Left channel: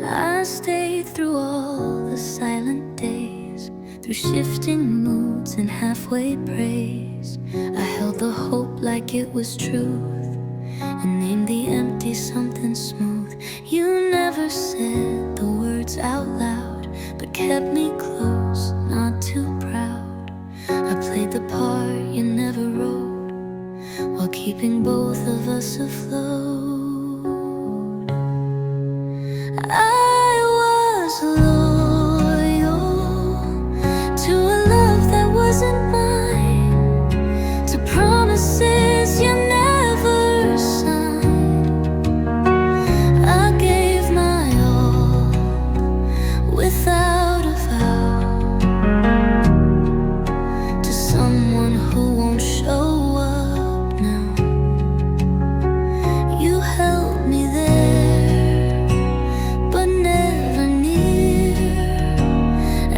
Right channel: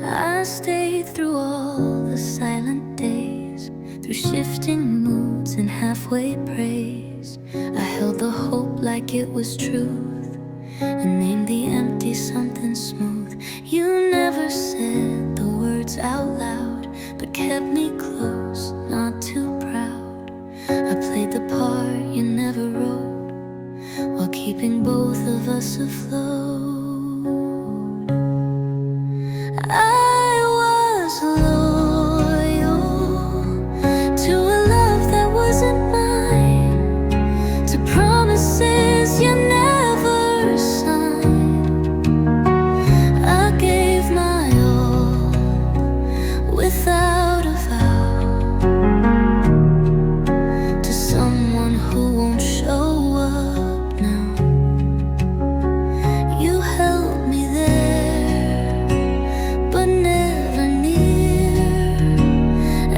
I stayed through all the silent days, through shifting moods and halfway praise. I held the hope like it was truth, and named the empty something smooth. You never said the words out loud, but kept me close, not too proud. I played the part you never wrote, while keeping both of us afloat. I was loyal to a love that wasn't mine, to promises you never signed. I gave my all without a vow to someone who won't show up now. You held me there, but never near,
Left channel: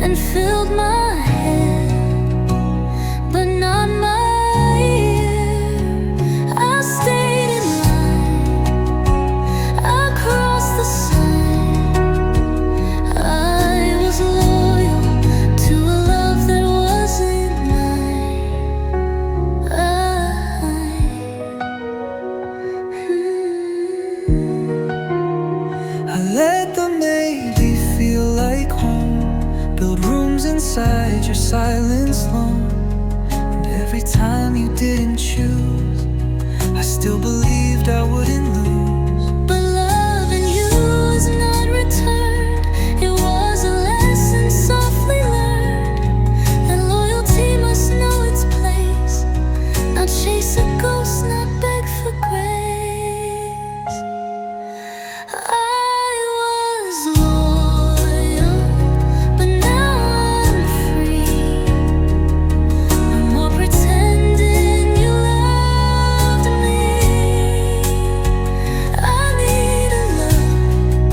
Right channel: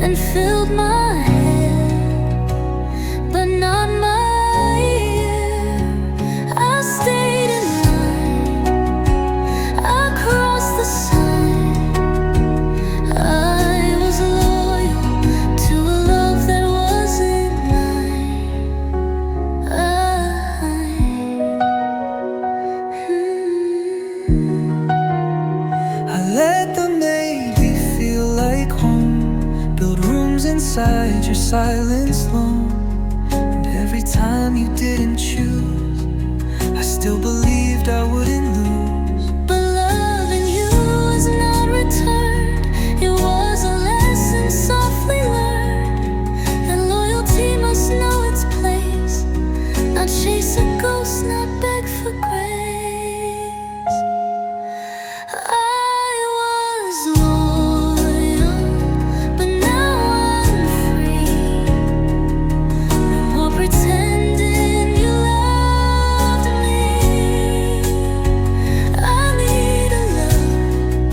and filled my head, but not my ear. I stayed in line, I crossed the sign. I was loyal to a love that wasn't mine. I let the maybe feel like home, build rooms inside your silence lone. And every time you didn't choose, I still believed I wouldn't lose. But loving you was not returned. It was a lesson softly learned, that loyalty must know its place, not chase a ghost, not beg for grace. I was loyal, but now I'm free. No more pretending you loved me. I need a love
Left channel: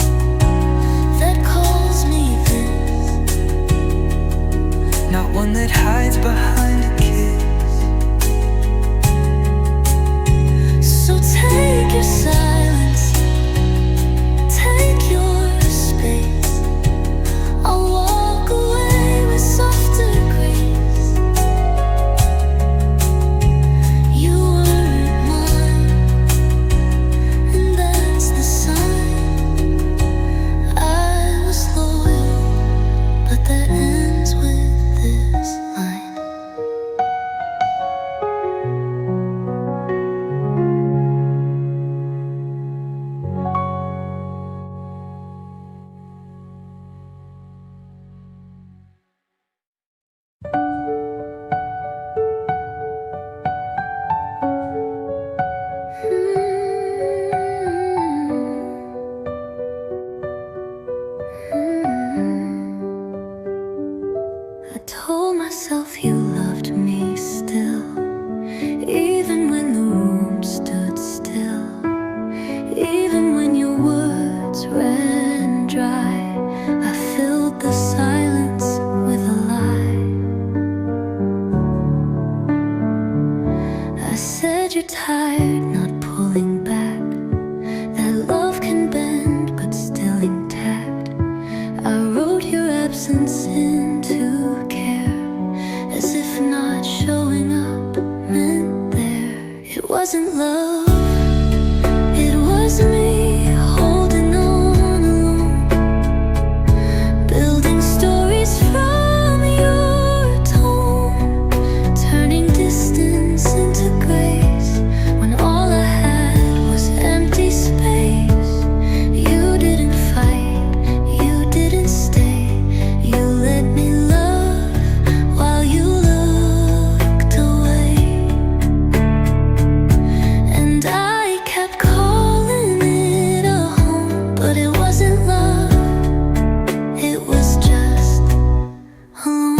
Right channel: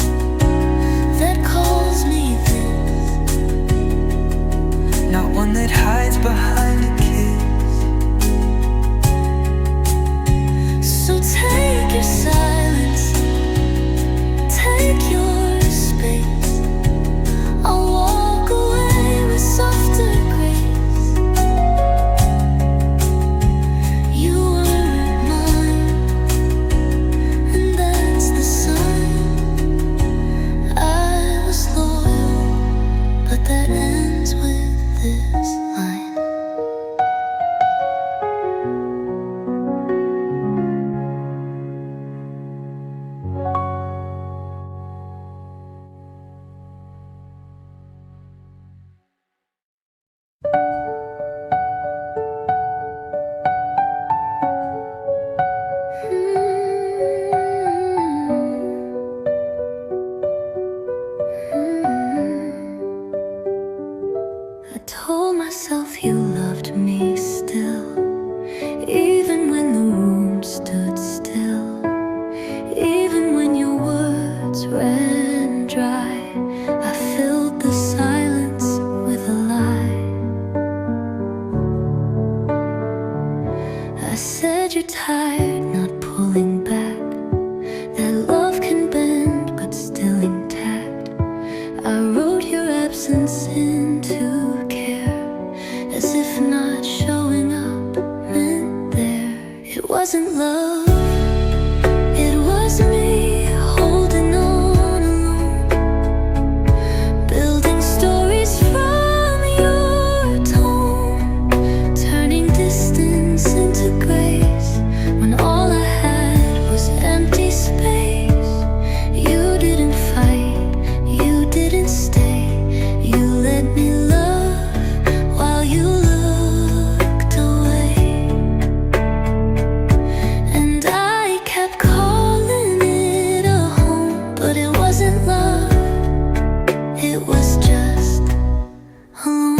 that calls me this, Not one that hides behind a kiss. so take your silence, take your space. I'll walk away with softer grace. You weren't mine, and that's the sign. I was loyal, but that ends with this line. I told myself you loved me still, even when the room stood still, even when your words ran dry. I filled the silence with a lie. I said you're tired, not pulling back, that love can bend but still intact. I wrote your absence into care, as if not showing up meant there. It wasn't love, it was me holding on alone, building stories from your tone, turning distance into grace, when all I had was empty space. You didn't fight, you didn't stay, you let me love while you looked away. And I kept calling it a home, but it wasn't love, it was just home.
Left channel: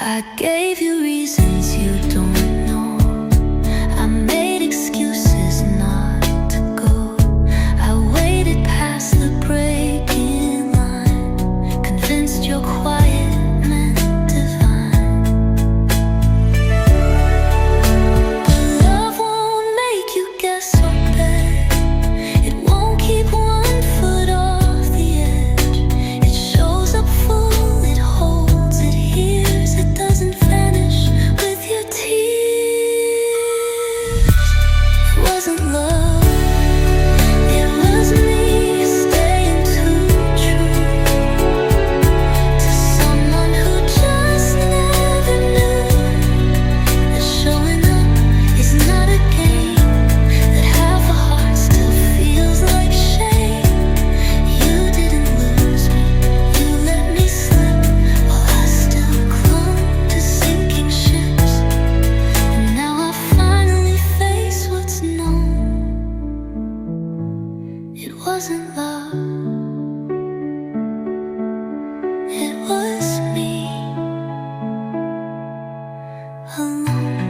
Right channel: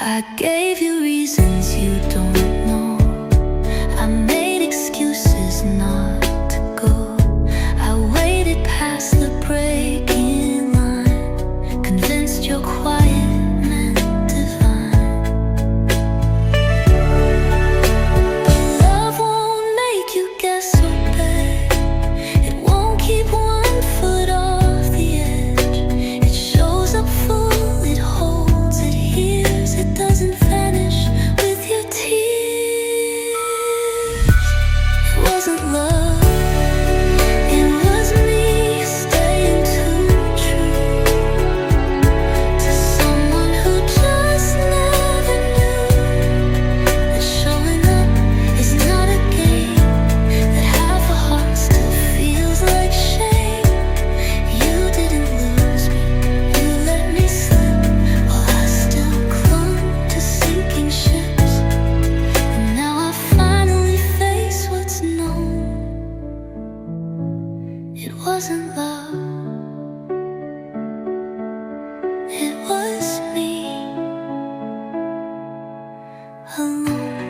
I gave you reasons you don't know, I made excuses not to go. I waited past the breaking line, convinced your quiet meant divine. But love won't make you guess so bad, it won't keep one wasn't love, it was me alone.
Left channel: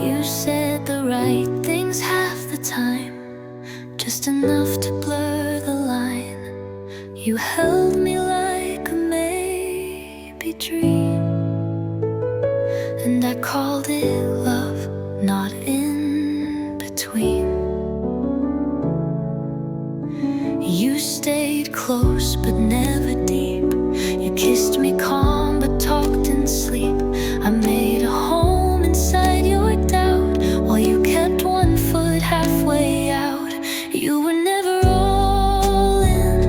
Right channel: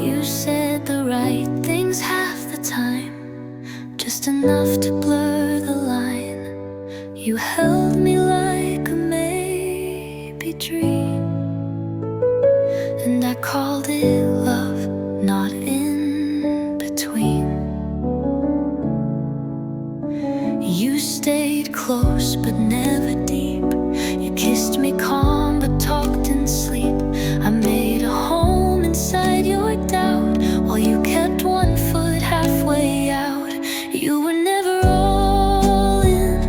You said the right things half the time, just enough to blur the line. You held me like a maybe dream, and I called it love, not in between. You stayed close but never deep. You kissed me calm but talked in sleep. I made a home inside your doubt, while you kept one foot halfway out. You were never all in,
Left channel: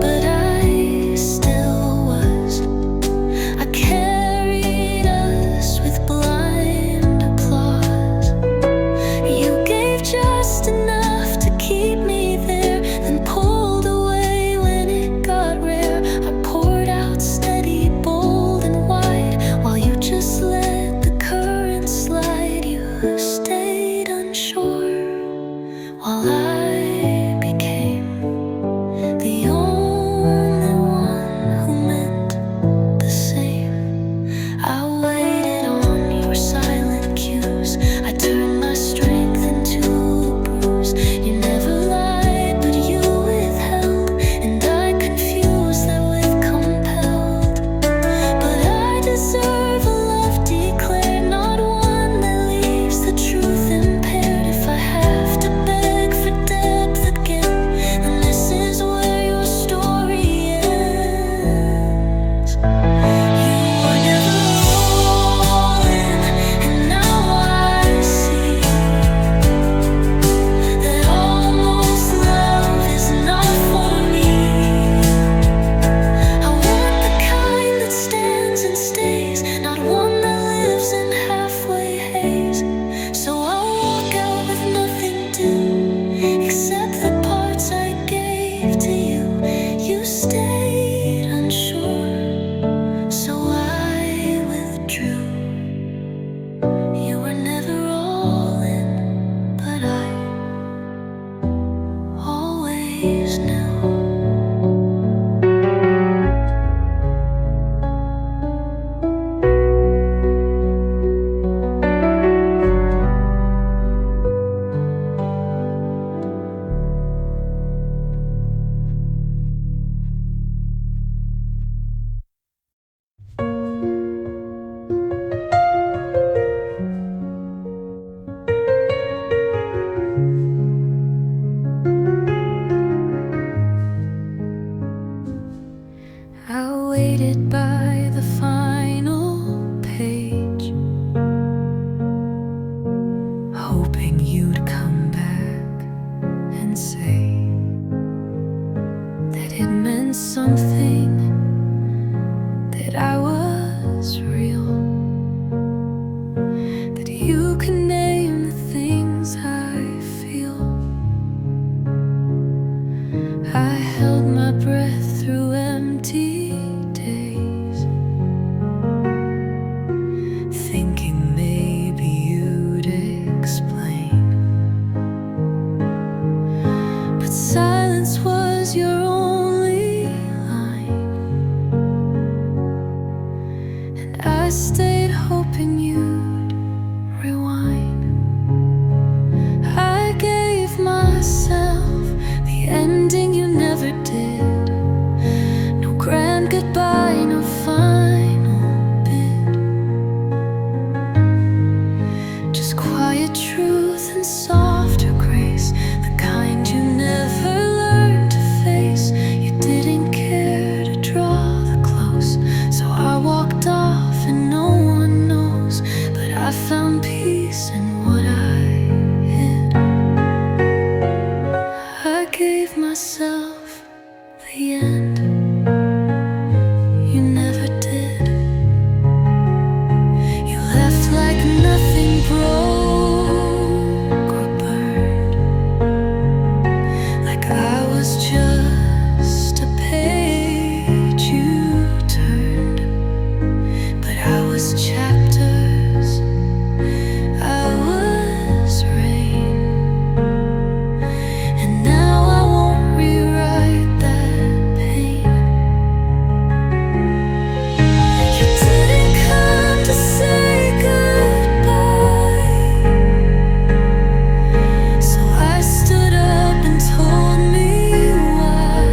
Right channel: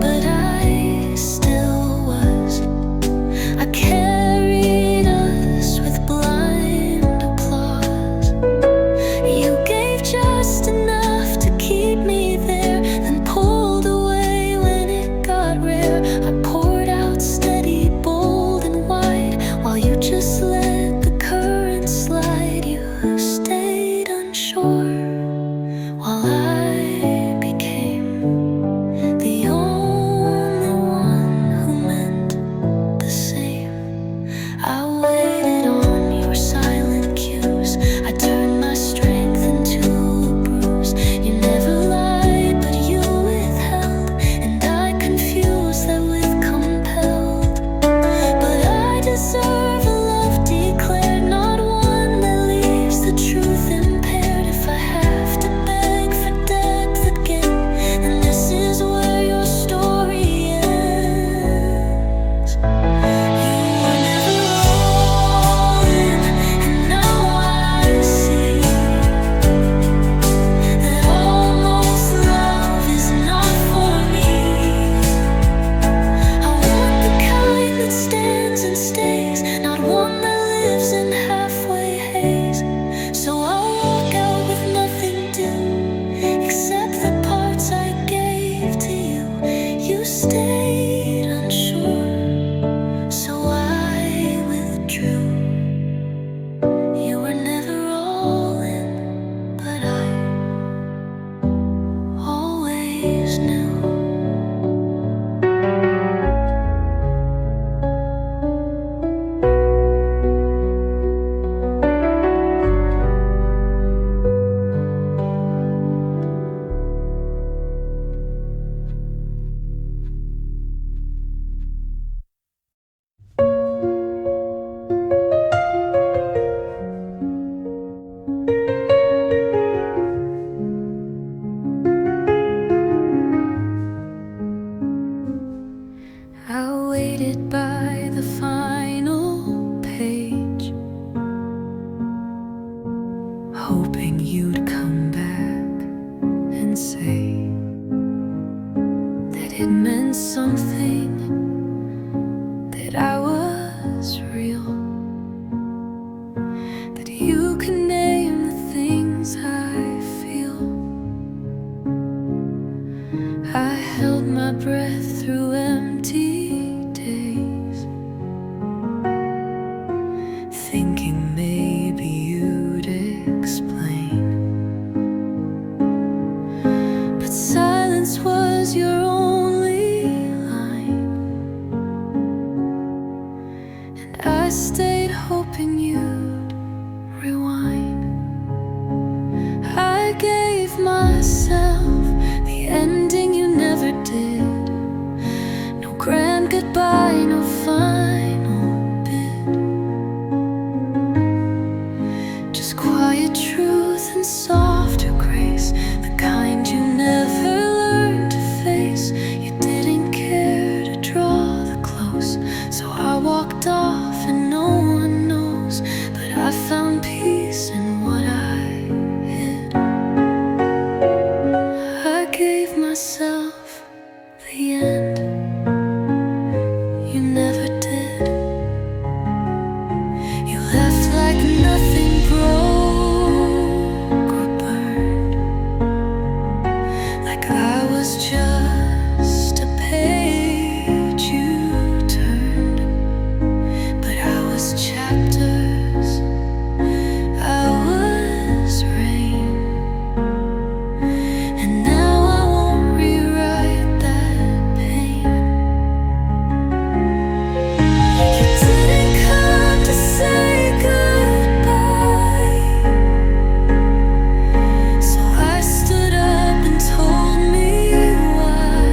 but I still was. I carried us with blind applause. You gave just enough to keep me there, then pulled away when it got rare. I poured out steady, bold and wide, while you just let the current slide. You stayed unsure, while I became the only one who meant the same. I waited on your silent cues. I turned my strength into a bruise. You never lied, but you withheld, and I confused that with compelled. But I deserve a love declared, not one that leaves the truth impaired. If I have to beg for depth again, then this is where your story ends. You were never all in, and now I see that almost love is not for me. I want the kind that stands and stays, not one that lives in halfway haze. So I'll walk out with nothing due, except the parts I gave to you. You stayed unsure, so I withdrew. You were never all in, but I always knew. I waited by the final page, hoping you'd come back and say that it meant something, that I was real, that you could name the things I feel. I held my breath through empty days, thinking maybe you'd explain. But silence was your only line, and I stayed hoping you'd rewind. I gave myself the ending you never did. No grand goodbye, no final bid, just quiet truth and softer grace, the kind you never learned to face. You didn't care gave myself the end. You never did. You left like nothing broke or burned, like I was just a page you turned. But I was chapters, I was rain, and now I won't rewrite that pain. You didn't come to say goodbye, so I stood up and told me why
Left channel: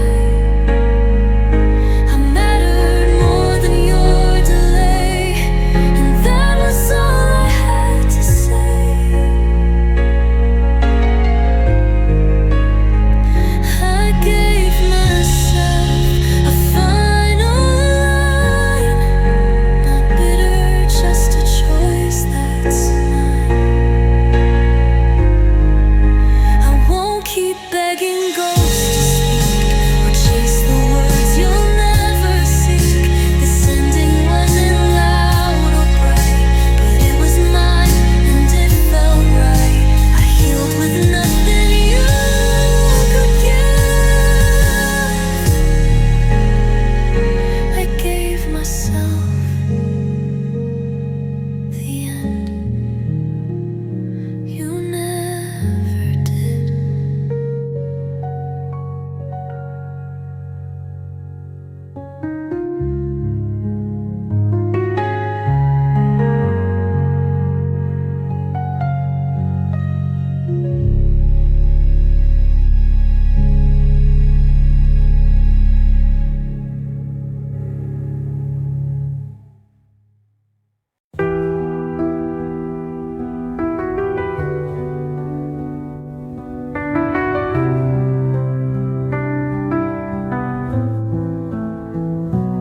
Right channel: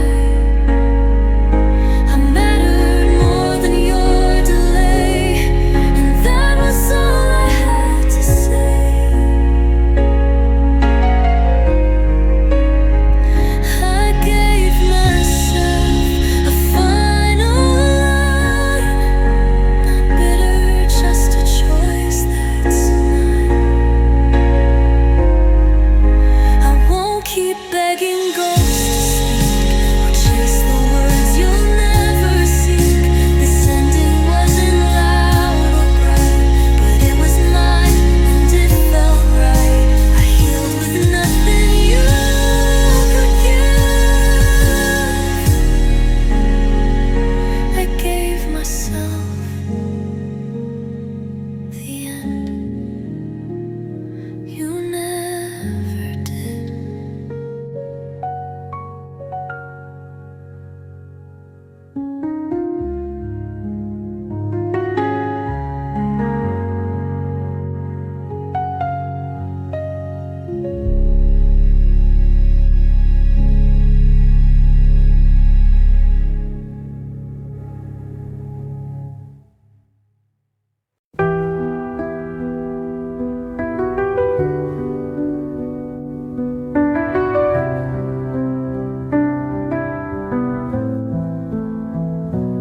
I mattered more than your delay, and that was all I had to say. I gave myself a final line, not bitter, just a choice that's mine. I won't keep begging ghosts to speak or chase the words you'll never seek. This ending wasn't loud or bright, but it was mine and it felt right. I healed with nothing you could give. I gave myself the end. You never did.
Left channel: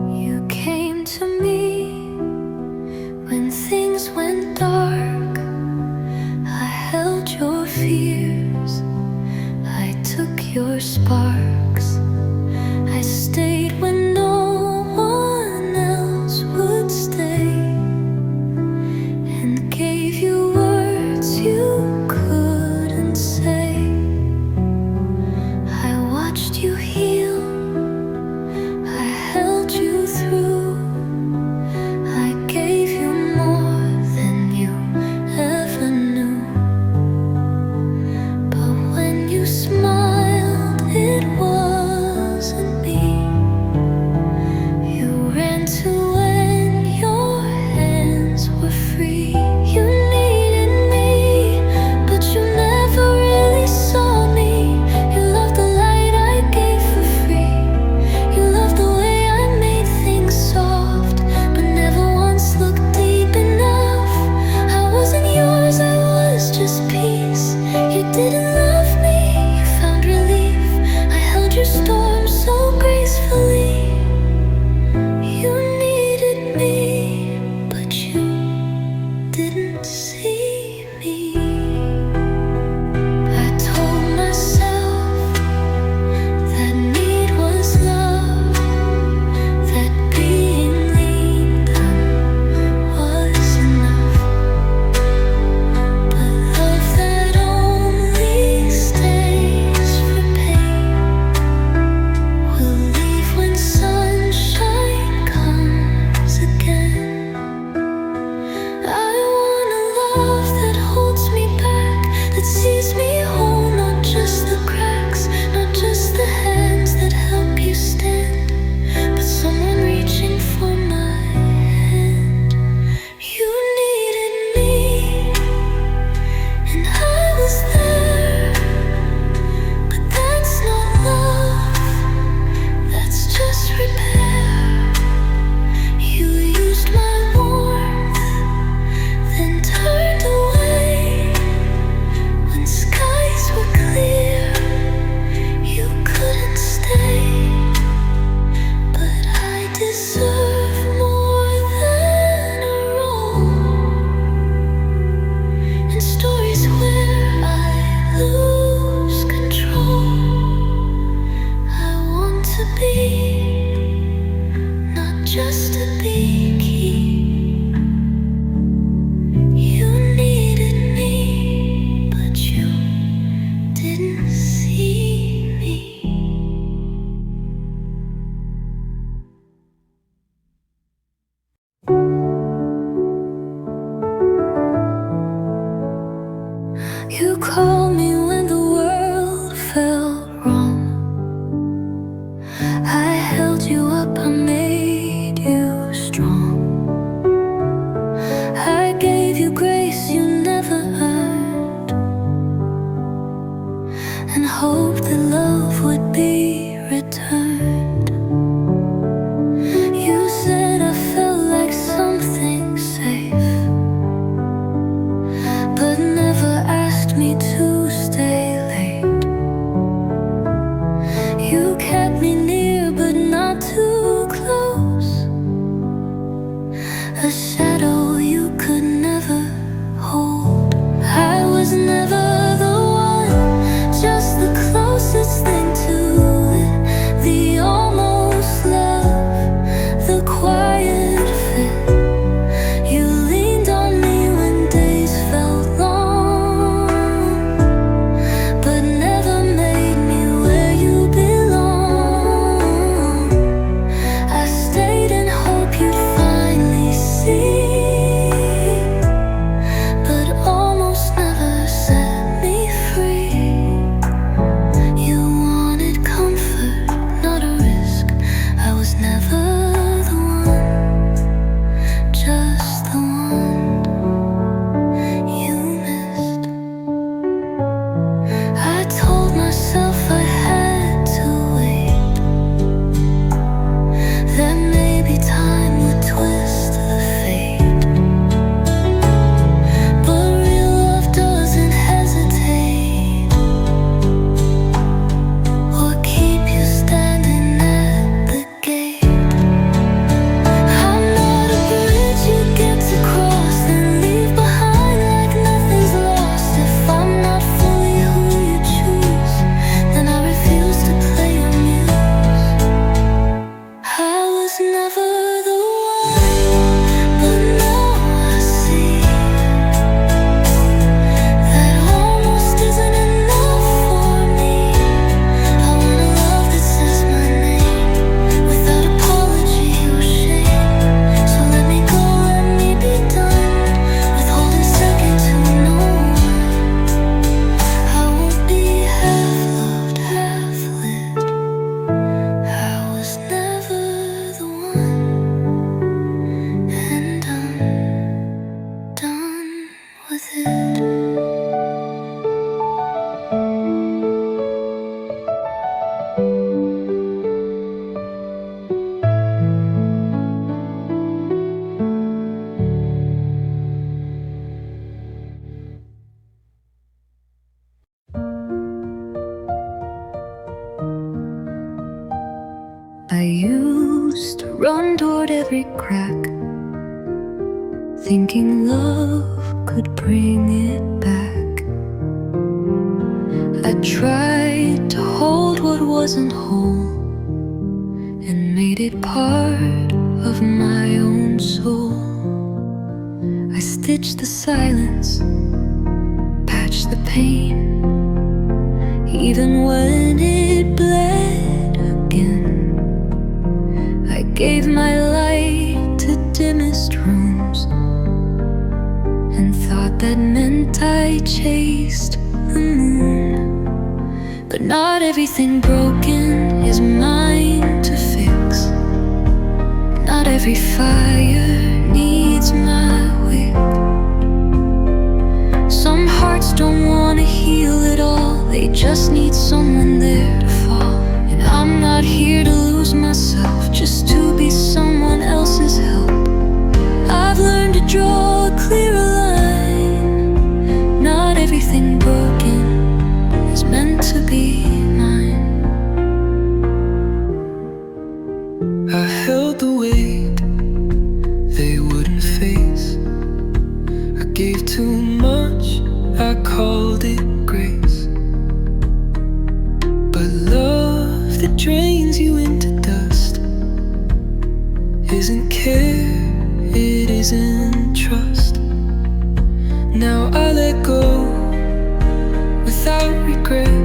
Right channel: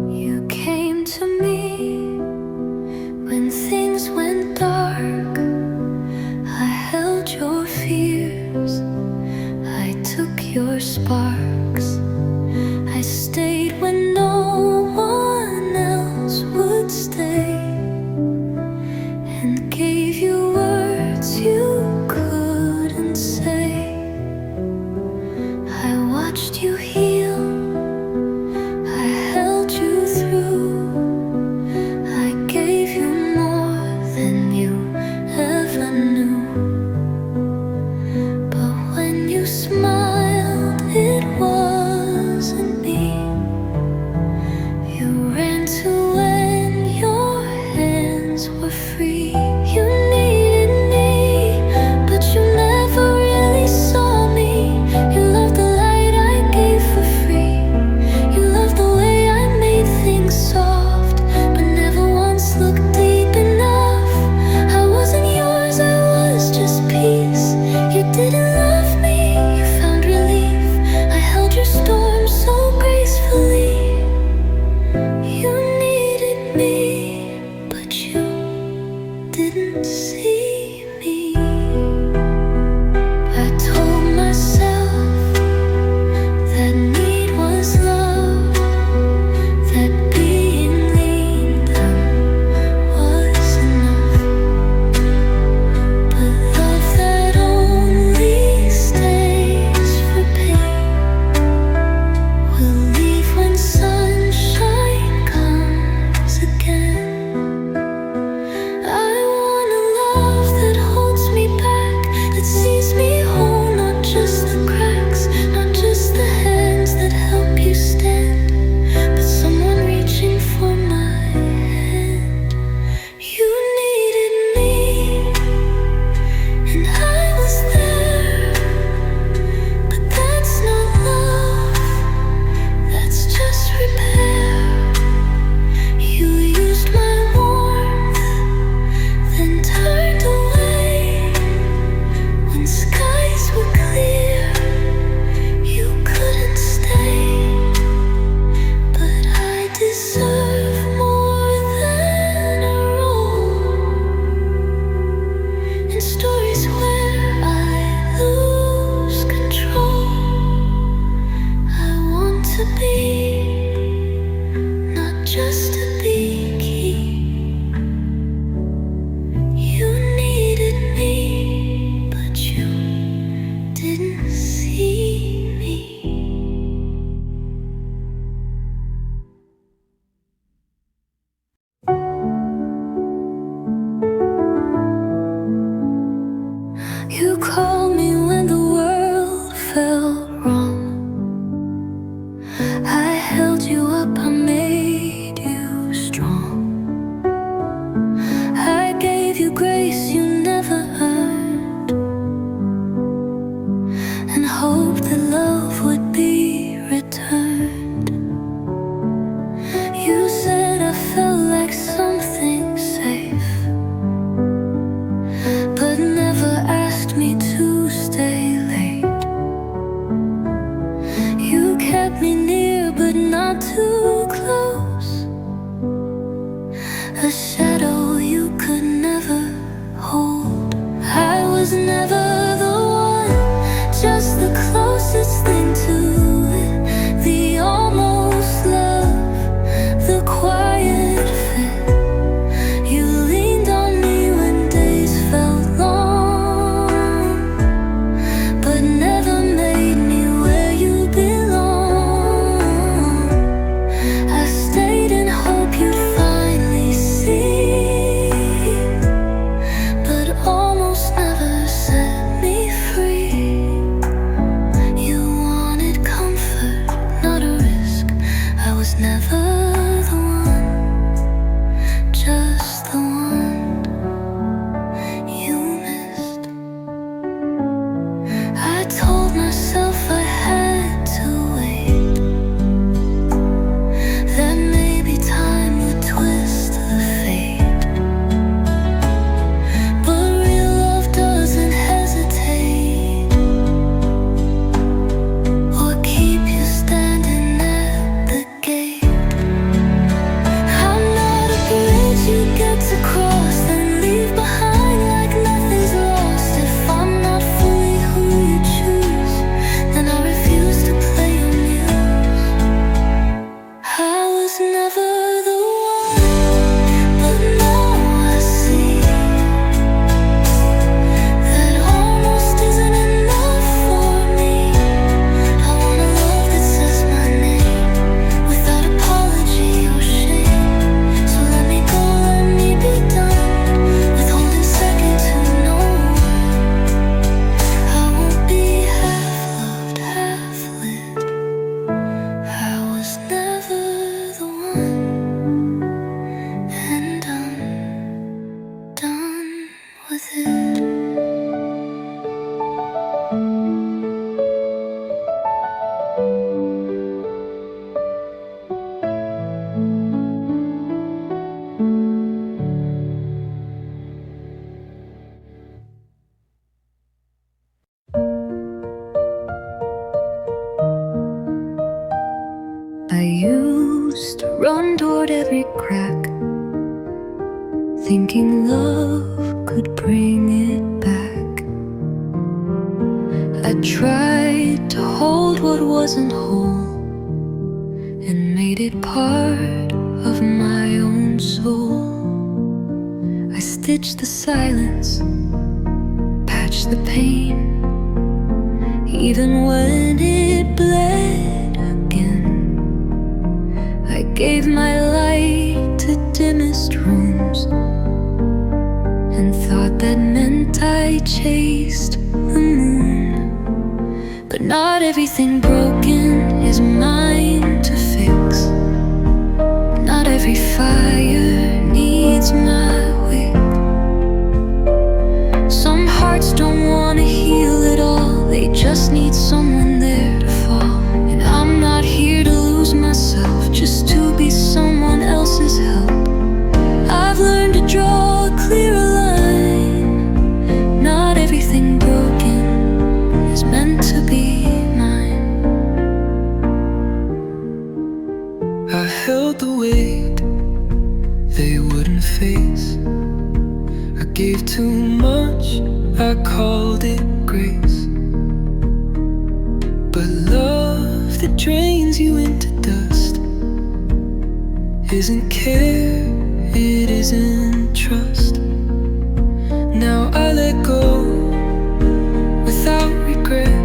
You came to me when things went dark. I held your fears, I took your sparks. I stayed when no one else would stay, and gave you words you couldn't say. I watched you heal, I held you through. I gave you more than you ever knew. But when you smiled, it wasn't me. You ran to when your hands were free. You needed me, but you never really saw me. You loved the light I gave for free. You loved the way I made things soft, but never once looked deep enough. I wasn't yours, I was just peace. You didn't love me, you found relief. I held your storm so gracefully. You needed me, but you didn't see me. I told myself that need was love, that being leaned on was enough. But love that only stays for pain will leave when sunshine comes again. I want a love that holds me back, that sees me whole, not just the cracks, not just the hands didn't see me. You called me when the world felt wrong. I held you up, I made you strong. I gave you grace you never earned, and hoped that love would be returned. You said I felt like something safe, but never asked me to stay late. You kept me near but not too close, a shadow you could never hold. I was never the one, just the closest thing to it, the almost love, the quiet fit. You leaned on me when days felt long, but never made me where you belong. I stayed in hope you'd finally see, but almost never set me free. You wanted comfort, not a risk. I was never the one, just the one you missed. I told myself I had to wait, that maybe time would twist the fate. But real love doesn't hesitate or keep you standing at the gate. I'm not a bridge you get to cross, then leave behind like nothing's lost. If I'm not fully who you choose, then I refuse to play your muse. I was never the one, but now I see that almost isn't enough for me. I want a love that says my name without apology or shame. So let me go, let me be done withholding second to no one. I won't be half loved, half lived. I was never the one, and I'm done with it. I used to run toward every crack, thinking love could bring it back. I tried to hold what wasn't whole and made it part of my own soul. I stitched the silence, patched the pain, even when it bled again. I gave my light to dimmest rooms and thought that meant I chased the moon. But not everything broken is mine to fix. Not every fire needs my wick. Some hearts don't want to heal at all, they just need someone there to fall. And I'm not here to lose myself just to be someone else's help. I've learned to draw a clearer line. Not everything broken is meant to be mine. I held the weight they wouldn't face. I gave too much, I called it grace. But love that drains you into dust isn't care, it isn't trust. Now I let go without regret.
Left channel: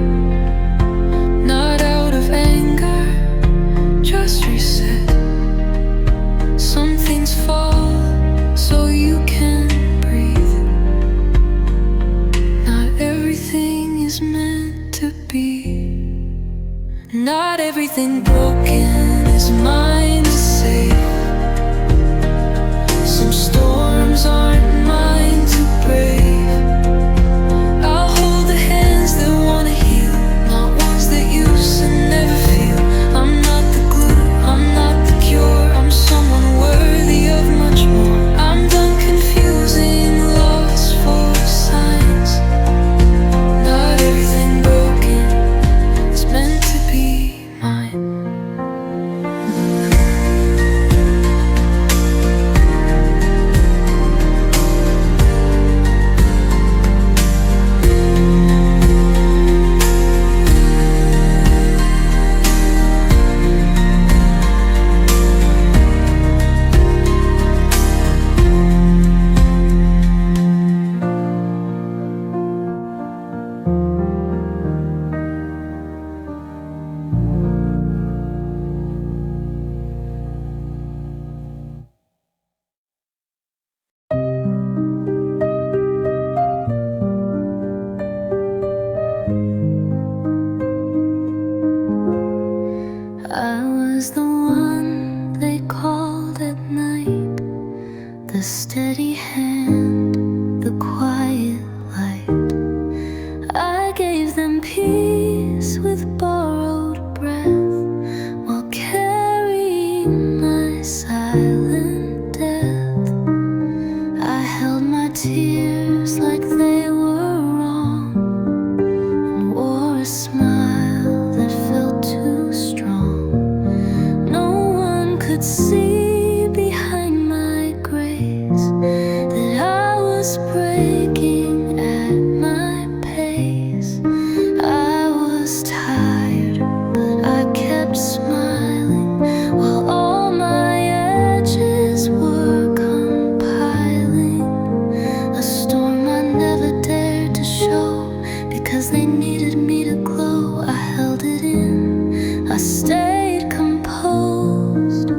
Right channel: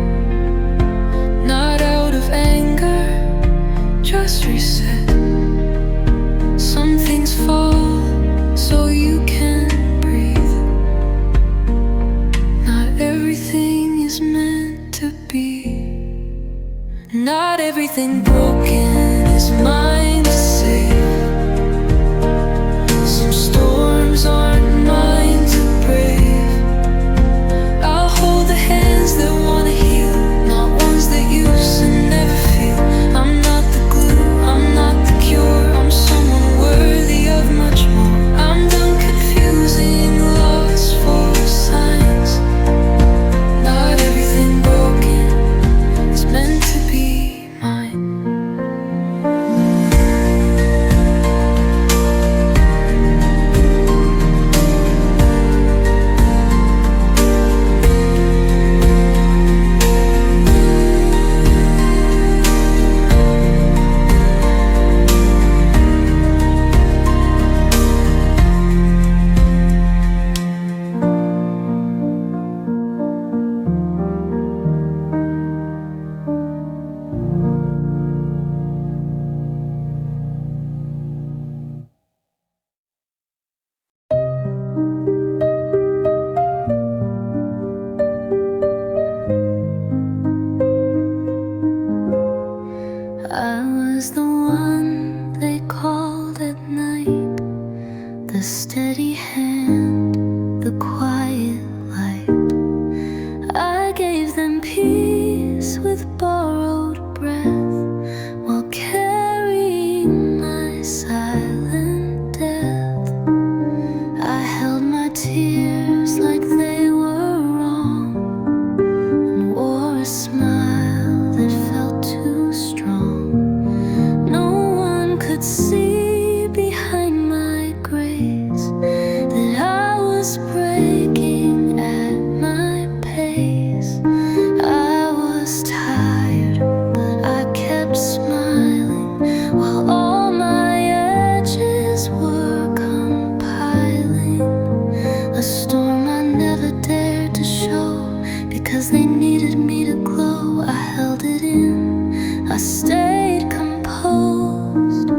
Not out of anger, just reset. Some things fall so you can breathe. Not everything is meant to be. Not everything broken is mine to save. Some storms aren't mine to brave. I'll hold the hands that wanna heal, not ones that used to never feel. I'm not the glue, I'm not the cure, I'm someone worthy of much more. I'm done confusing loss for signs. Not everything broken is meant to be mine. I was the one they called at night, the steady hand, the quiet light. I gave them peace with borrowed breath, while carrying my silent death. I held my tears like they were wrong, and wore a smile that felt too strong. Could see behind my grace that I was breaking at my pace. I was tired, but I kept smiling while all my edges were compiling. A storm I never dared to show because they needed me to glow. I held it in, I stayed composed.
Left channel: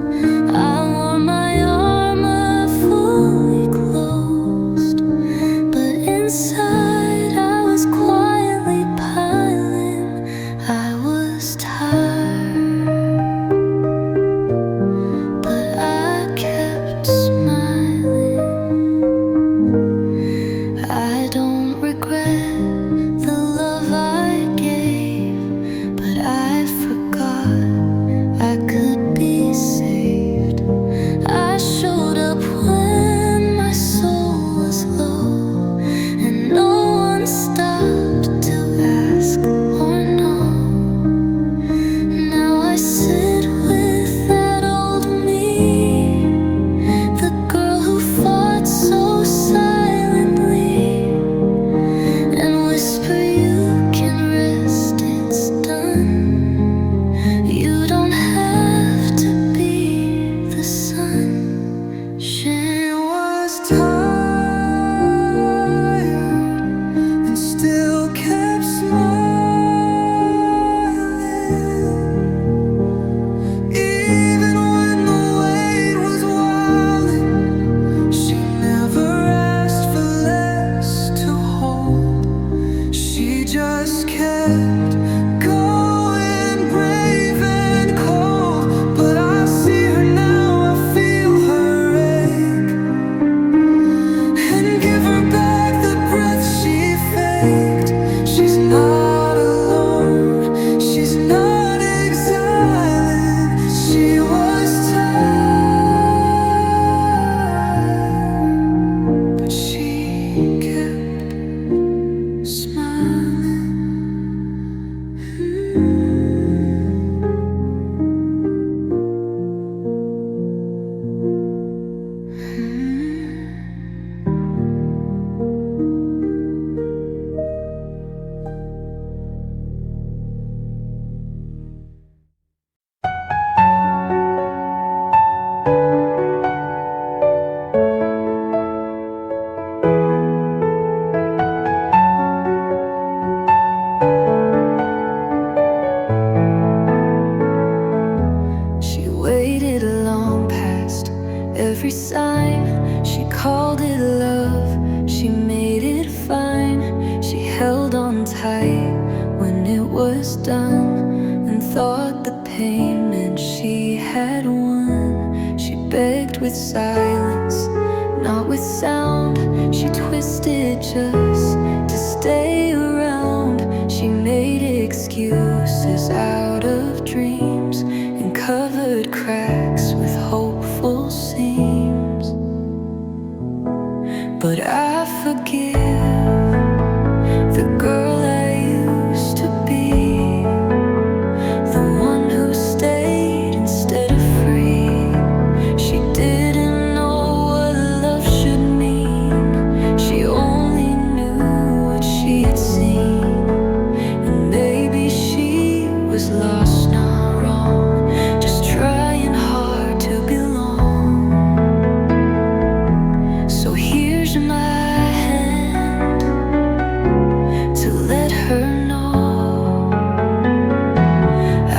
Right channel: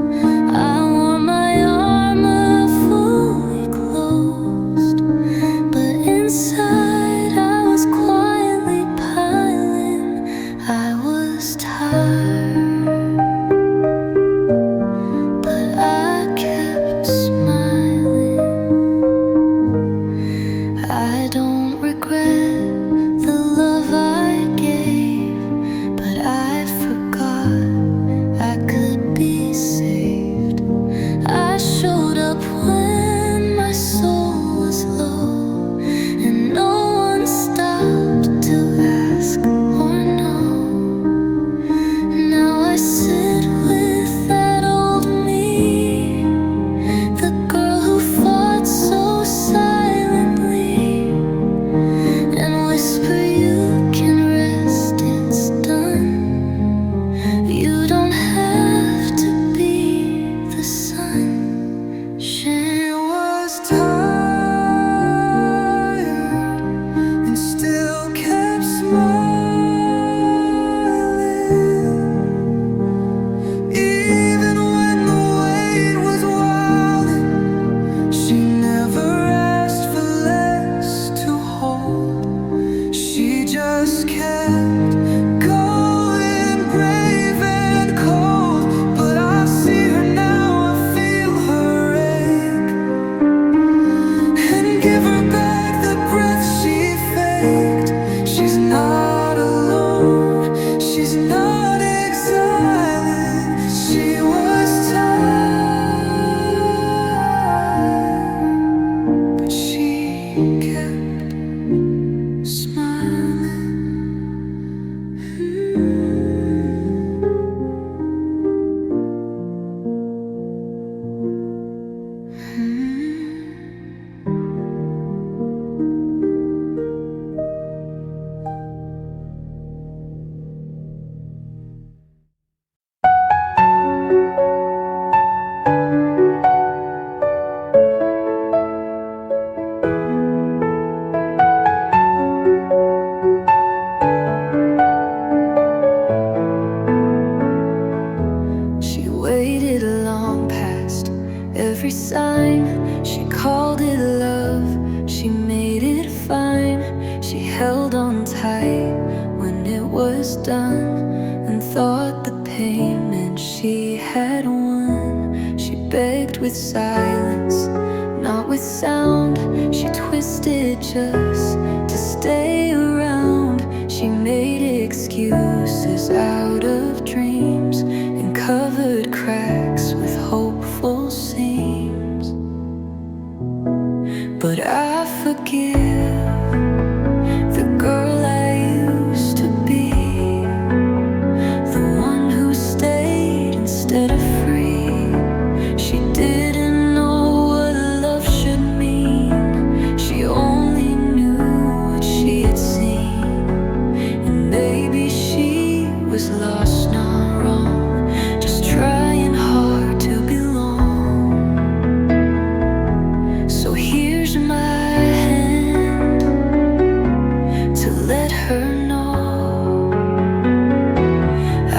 I wore my armor fully closed, but inside I was quietly piling. I was tired, but I kept smiling. I don't regret the love I gave, but I forgot every sign. She called it love, she made it fine. She held on tight when it was done, and thought the pain meant she had won. She begged with silence, not with sound. She twisted just to stay around. She made excuses out of dreams and covered cracks with hopeful seams. But I forgive the girl I used to be, the one who stayed instead of free. She didn't know what love should mean. She only knew what she had seen. And maybe she was lost, not wrong, just trying hard to belong. So here's my hand to let her know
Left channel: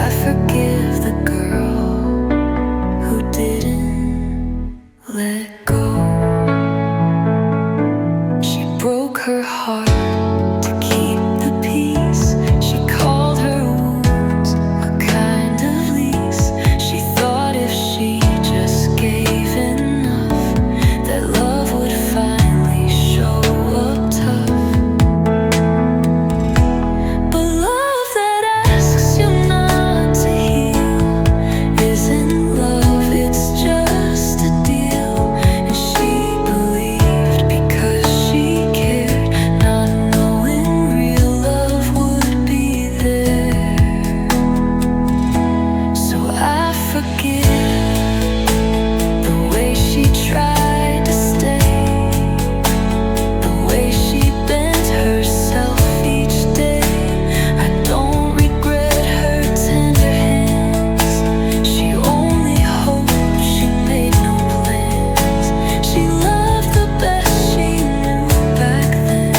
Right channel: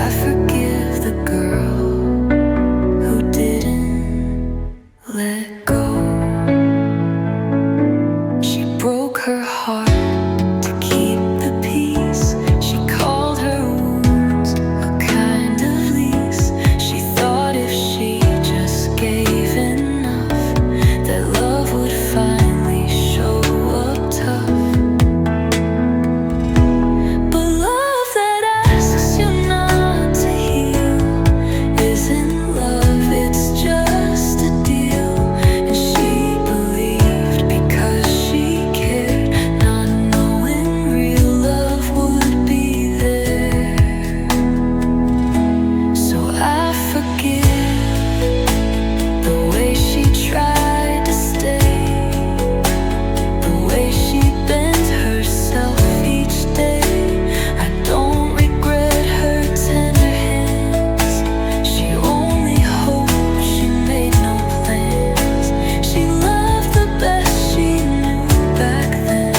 I forgive the girl who didn't let go. She broke her heart to keep the peace. She called her wounds a kind of lease. She thought if she just gave enough, that love would finally show up tough. But love that asks you not to heal isn't love, it's just a deal. And she believed because she cared, not knowing real love would be there. So I forgive the way she tried to stay, the way she bent herself each day. I don't regret her tender hands. She only hoped she made no plans. She loved the best she knew back then,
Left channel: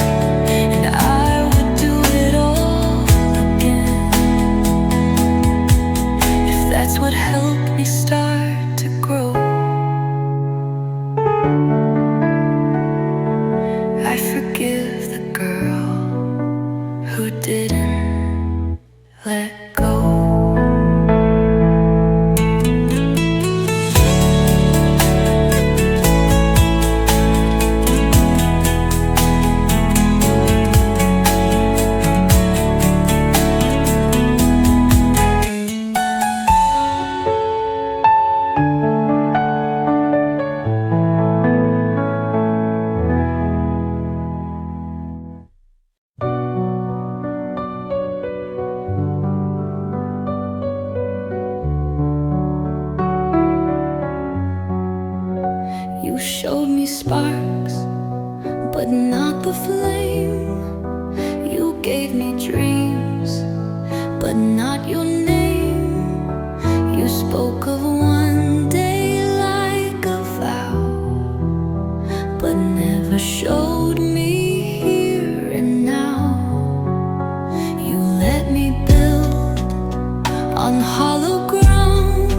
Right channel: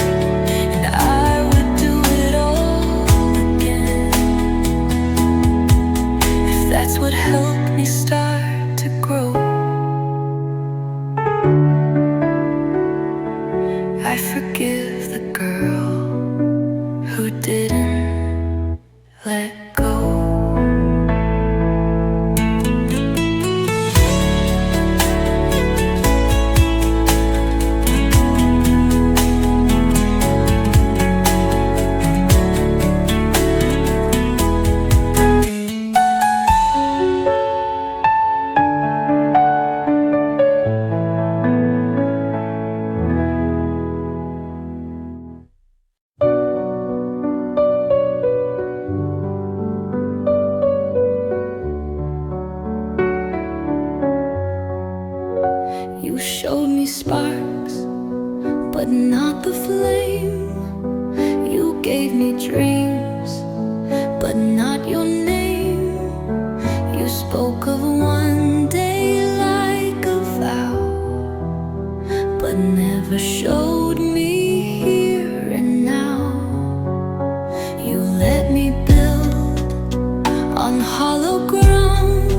and I would do it all again if that's what helped me start to grow. I forgive the girl who didn't let go. You showed me sparks, but not the flame. You gave me dreams, but not your name. You spoke of one day like a vow, but never showed me here and now. You let me build on hollow ground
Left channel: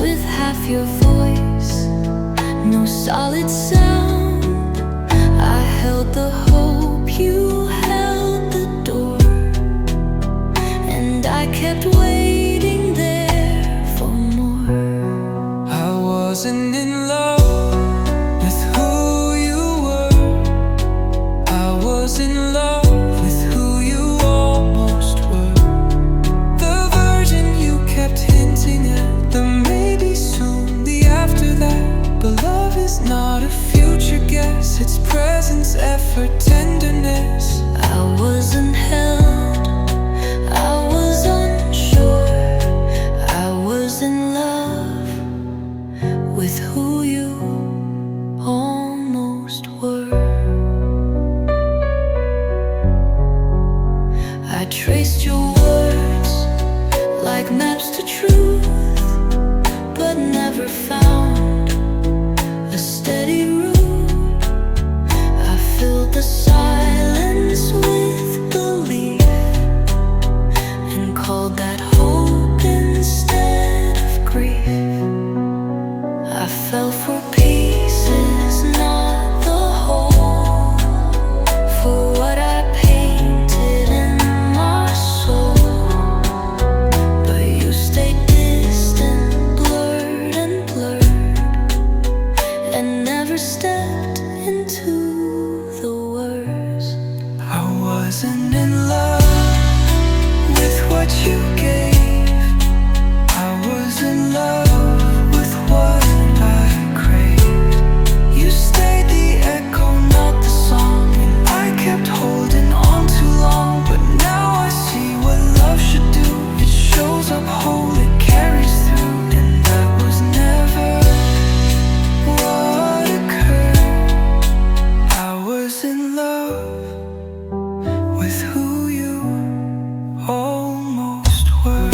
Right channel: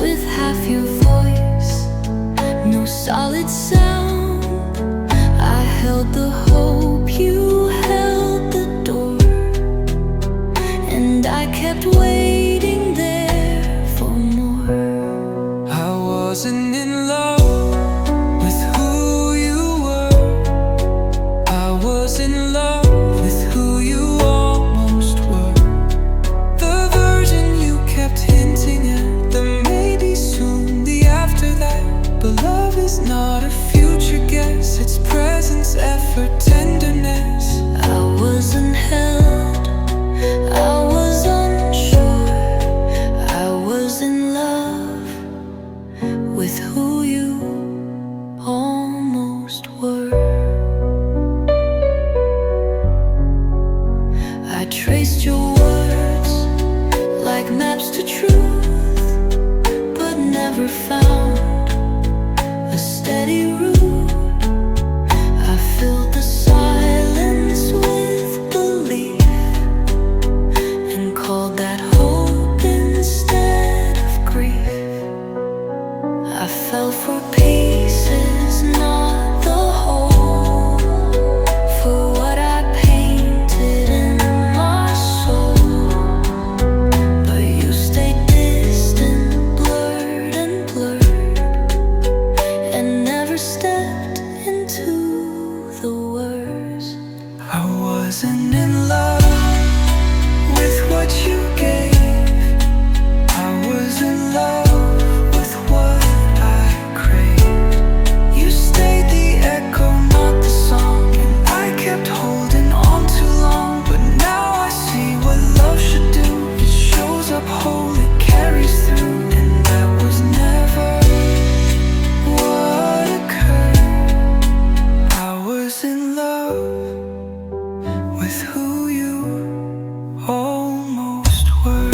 with half your voice, no solid sound. I held the hope, you held the door, and I kept waiting there for more. I wasn't in love with who you were. I was in love with who you almost were. The version you kept hinting at, the maybe soon, the after that. But love is not a future guess, it's presence, effort, tenderness. I wasn't held, I was unsure. I was in love with who you almost were. I traced your words like maps to truth, but never found a steady route. I filled the silence with belief and called that hope instead of grief. I fell for pieces, not the whole. For what I painted in my soul. But you stayed distant, blurred and blurred, and never stepped into the worst. I wasn't in love with what you gave. I was in love with what I craved. You stayed the echo, not the song, and I kept holding on too long. But now I see what love should do. It shows up whole, it carries through. And that was never what occurred. I was in love with who you almost were.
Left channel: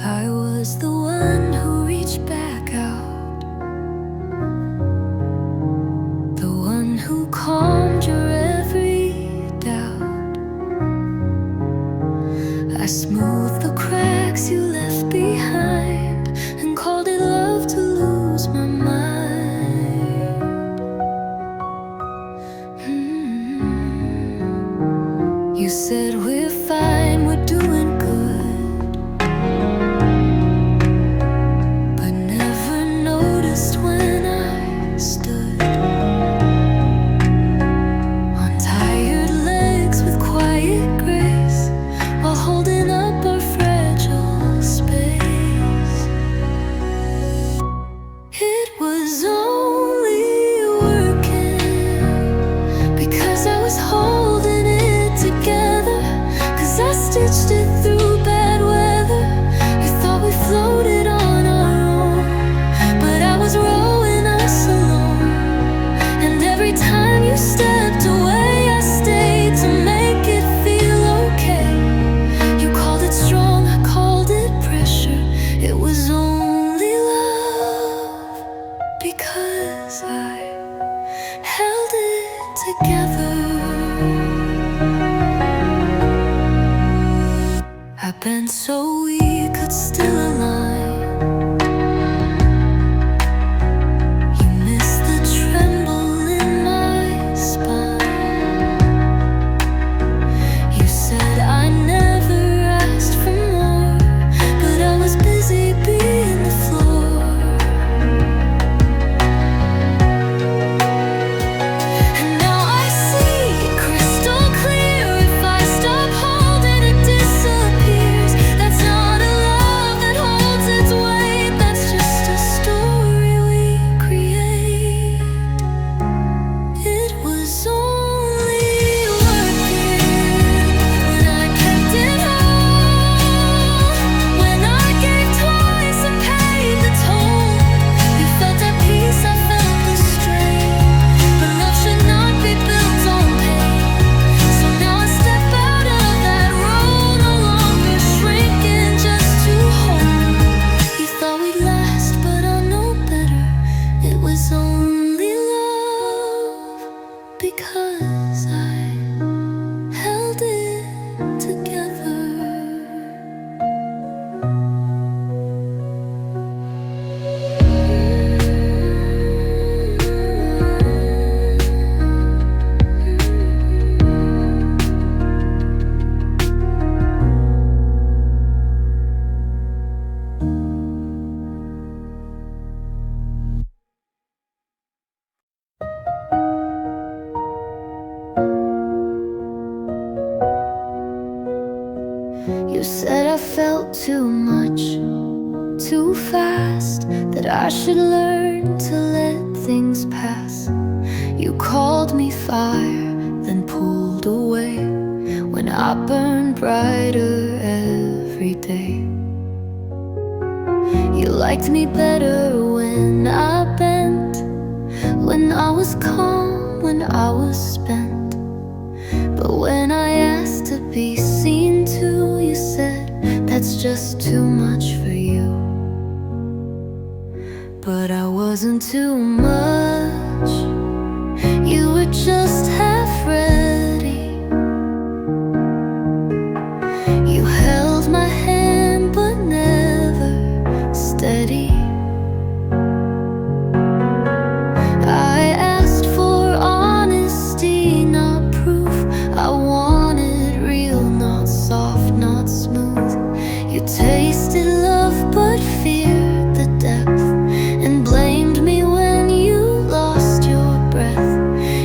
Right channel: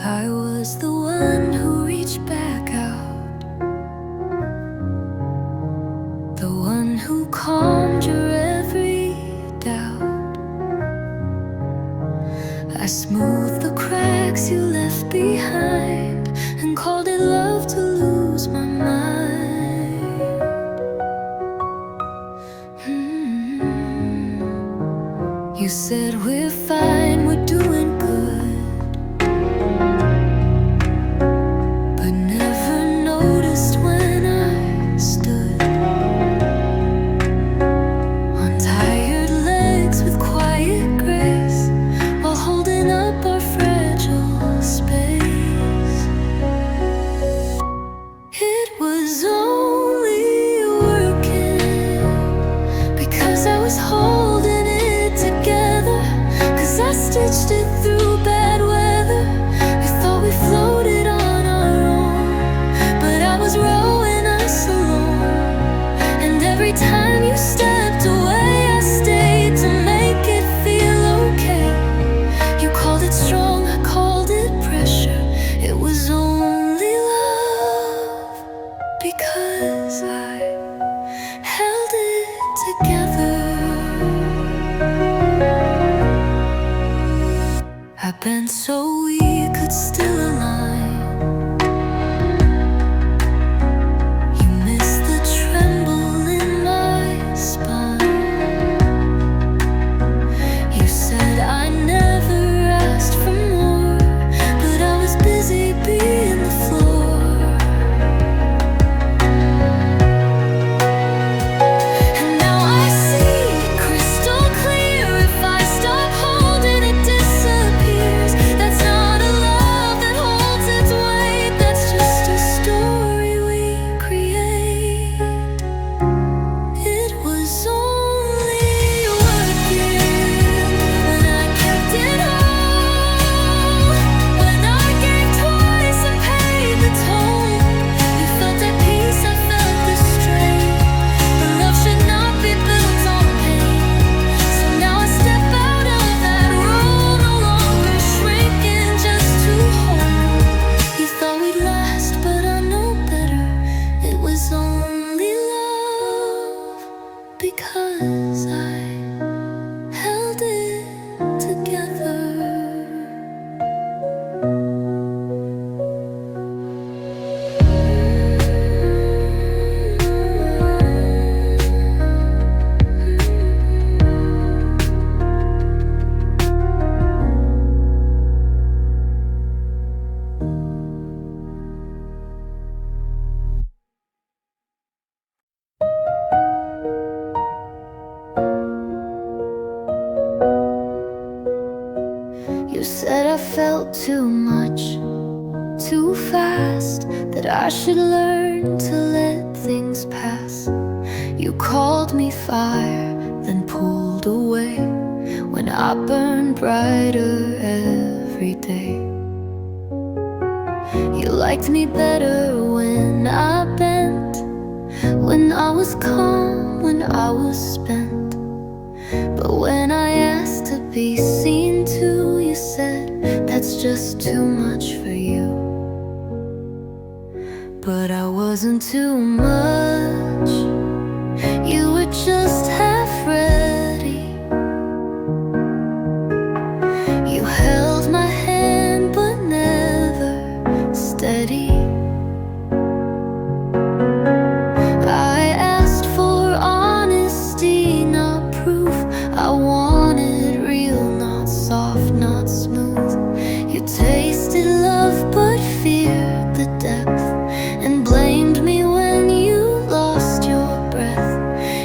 I was the one who reached back out, the one who calmed your every doubt. I smoothed the cracks you left behind and called it love to lose my mind. You said we're fine, we're doing good, but never noticed when I stood on tired legs with quiet grace while holding up our fragile space. It was only working because I was holding it together, 'cause I stitched it through bad weather. You thought we floated on our own, but I was rowing us alone. And every time you stepped away, I stayed to make it feel okay. You called it strong, I called it pressure. It was only love because I held it together. I bent so we could still align. You missed the tremble in my spine. You said I never asked for more, but I was busy being the floor. And now I see crystal clear. If I stop holding, it disappears. That's not a love that holds its weight. That's just a story we create. It was only working when I kept it whole, when I gave twice and paid the toll. You felt at peace, I felt the strain. But love should not be built on pain. So now I step out of that role, no longer shrinking just to hold. You thought we'd last, but I know better. It was only love because I held it together. You said I felt too much, too fast, that I should learn to let things pass. You called me fire, then pulled away when I burned brighter every day. You liked me better when I bent, when I was calm, when I was spent. But when I asked to be seen too, you said that's just too much for you. But I wasn't too much. You were just half ready. You held my hand but never steady. I asked for honesty, not proof. I wanted real, not soft, not smooth. You tasted love but feared the depth, and blamed me when you lost your breath.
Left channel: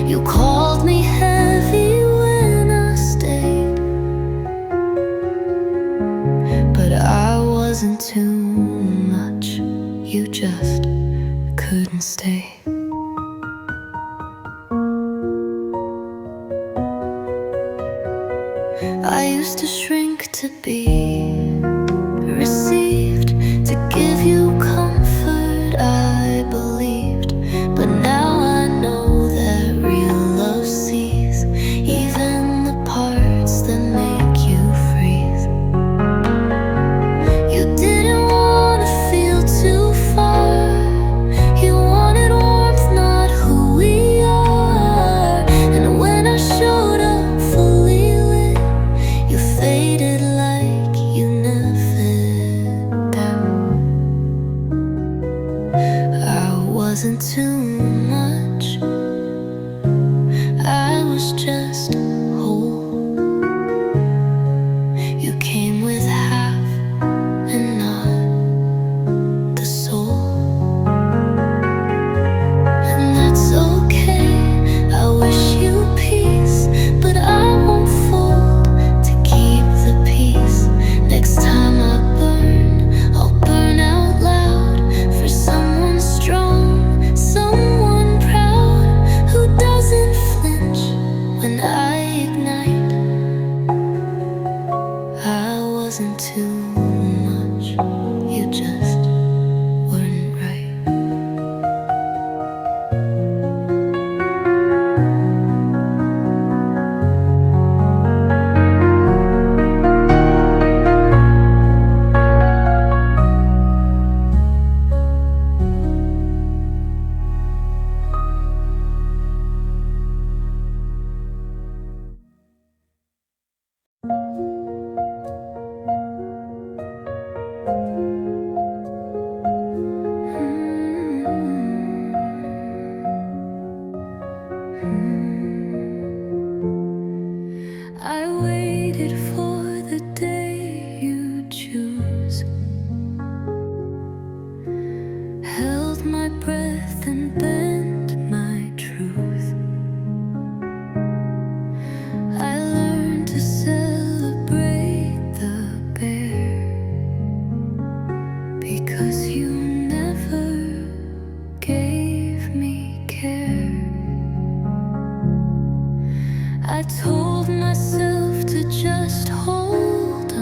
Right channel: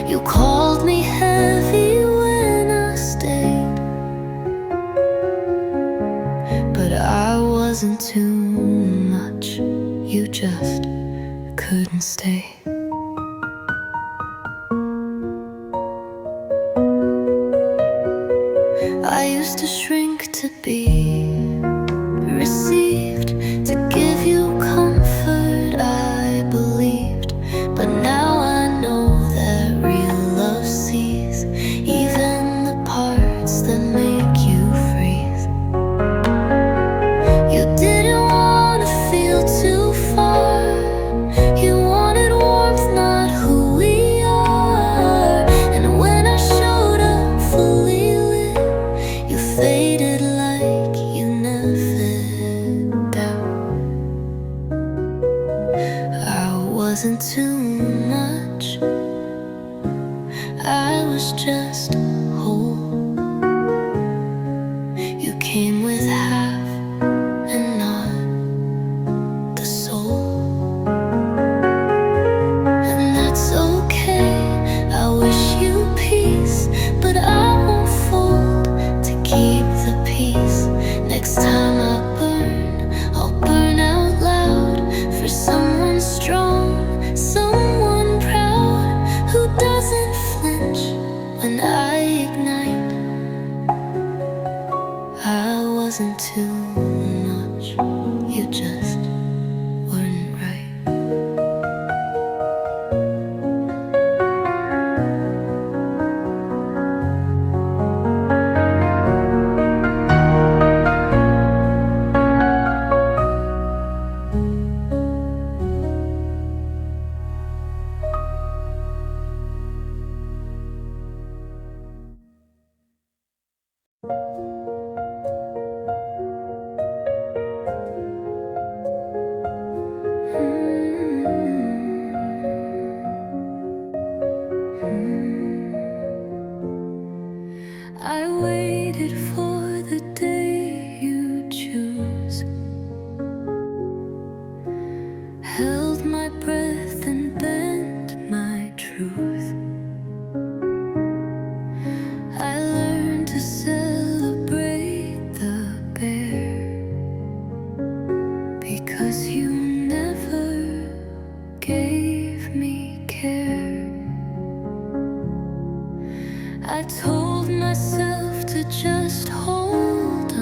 You called me heavy when I stayed, but I wasn't too much. You just couldn't stay. I used to shrink to be received, to give you comfort I believed. But now I know that real love sees even the parts that make you freeze. You didn't want to feel too far. You wanted warmth, not who we are. And when I showed up fully lit, you faded like you never did. I wasn't too much. I was just whole. You came with half and not the soul. And that's okay. I wish you peace, but I won't fold to keep the peace. Next time I burn, I'll burn out loud for someone strong, someone proud, who doesn't flinch when I ignite. I wasn't too much. You just weren't right. I waited for the day you choose, held my breath and bent my truth. I learned to celebrate the bear, because you never gave me care. I told myself to just hold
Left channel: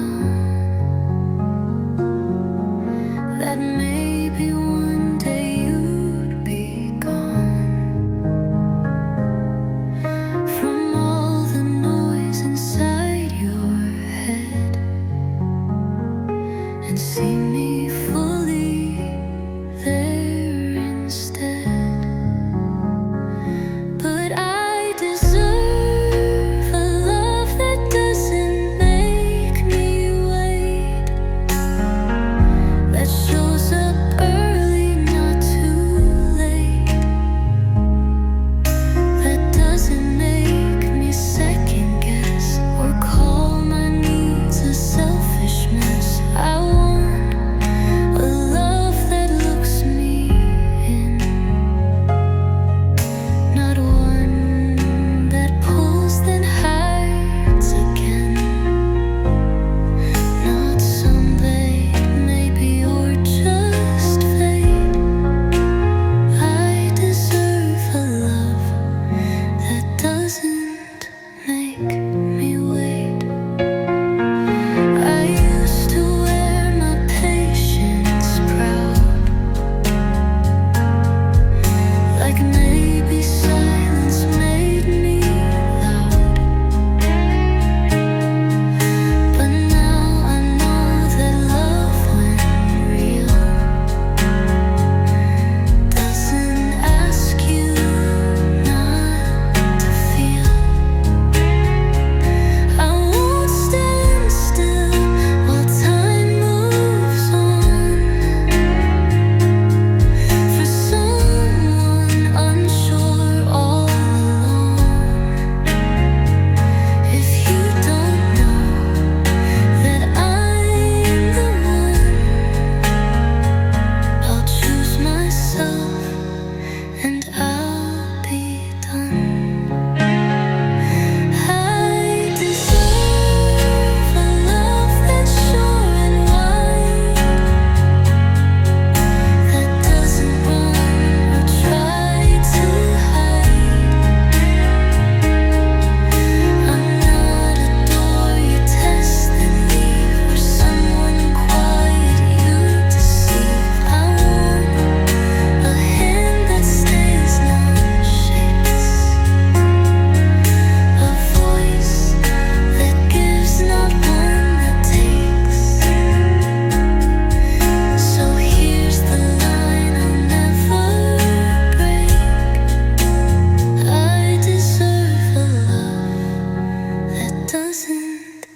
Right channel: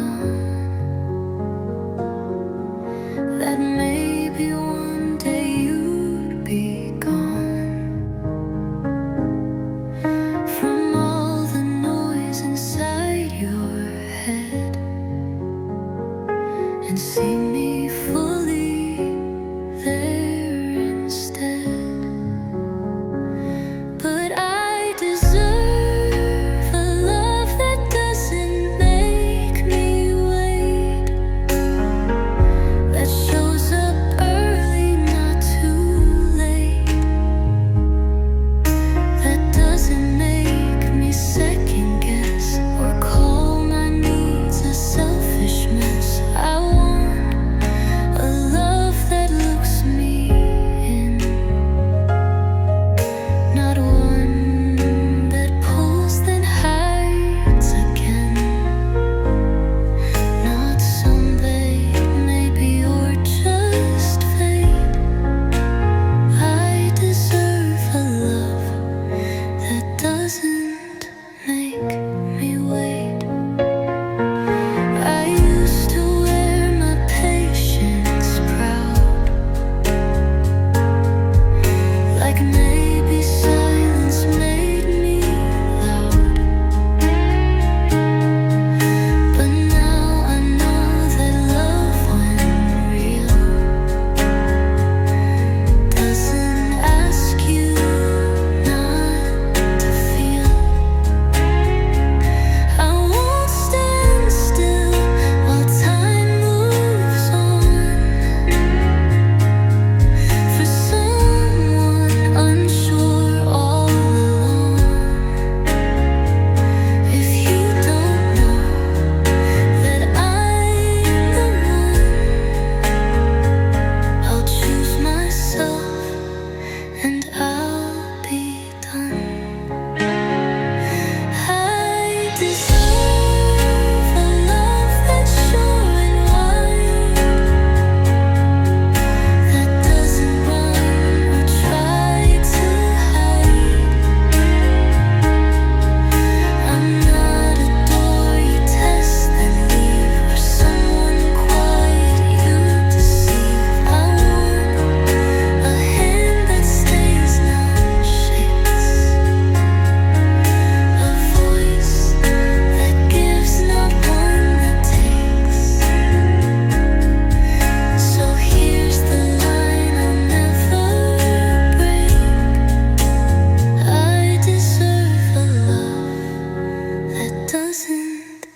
doesn't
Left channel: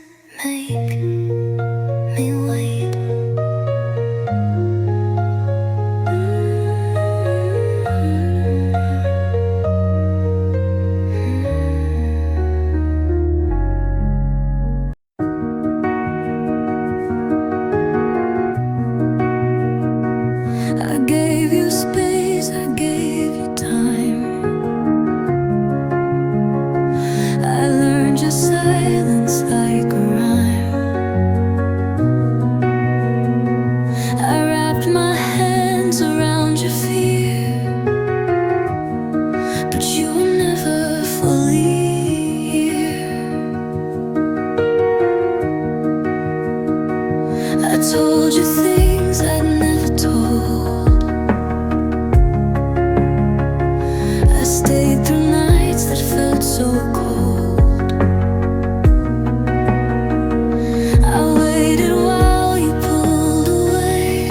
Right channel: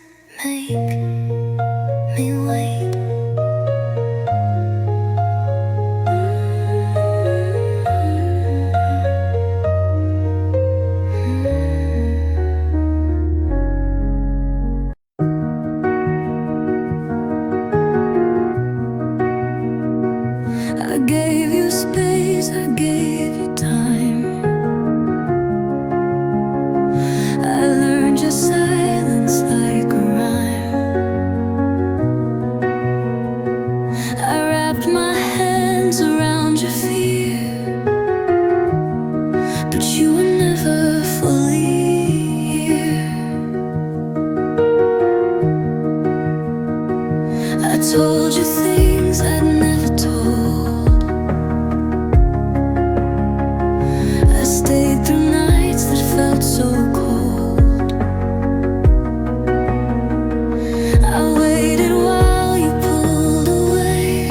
make me wait. I gave you space, I gave you time. I learned your silence like a rhyme. I wrapped my hands around your fear, but you were never fully here. I told you things I'd never told. I stayed through nights that felt so cold. I waited while you pulled away,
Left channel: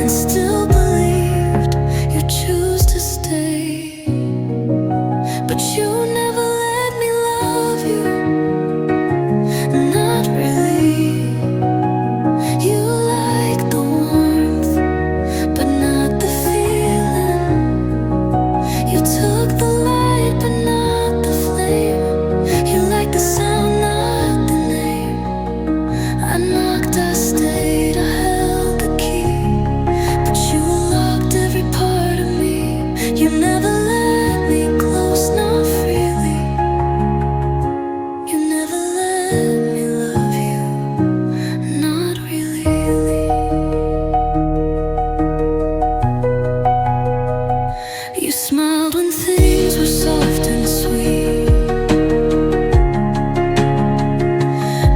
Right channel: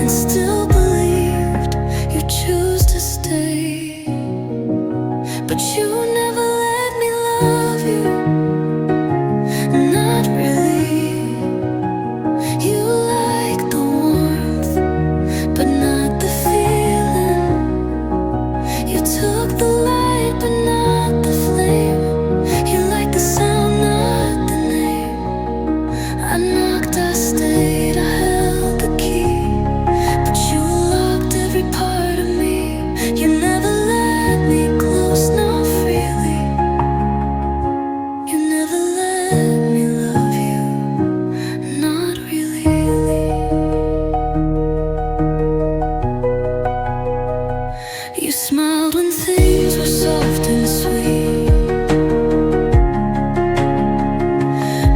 and still believed you'd choose to stay. But you never let me love you, not really. You like the warmth, but not the feeling. You took the light, but not the flame. You like the sound, not the name. I knocked, I stayed, I held the key, but you locked every part of me. You never let me close, not freely. You never let me love you, not really. You smiled when things were soft and sweet,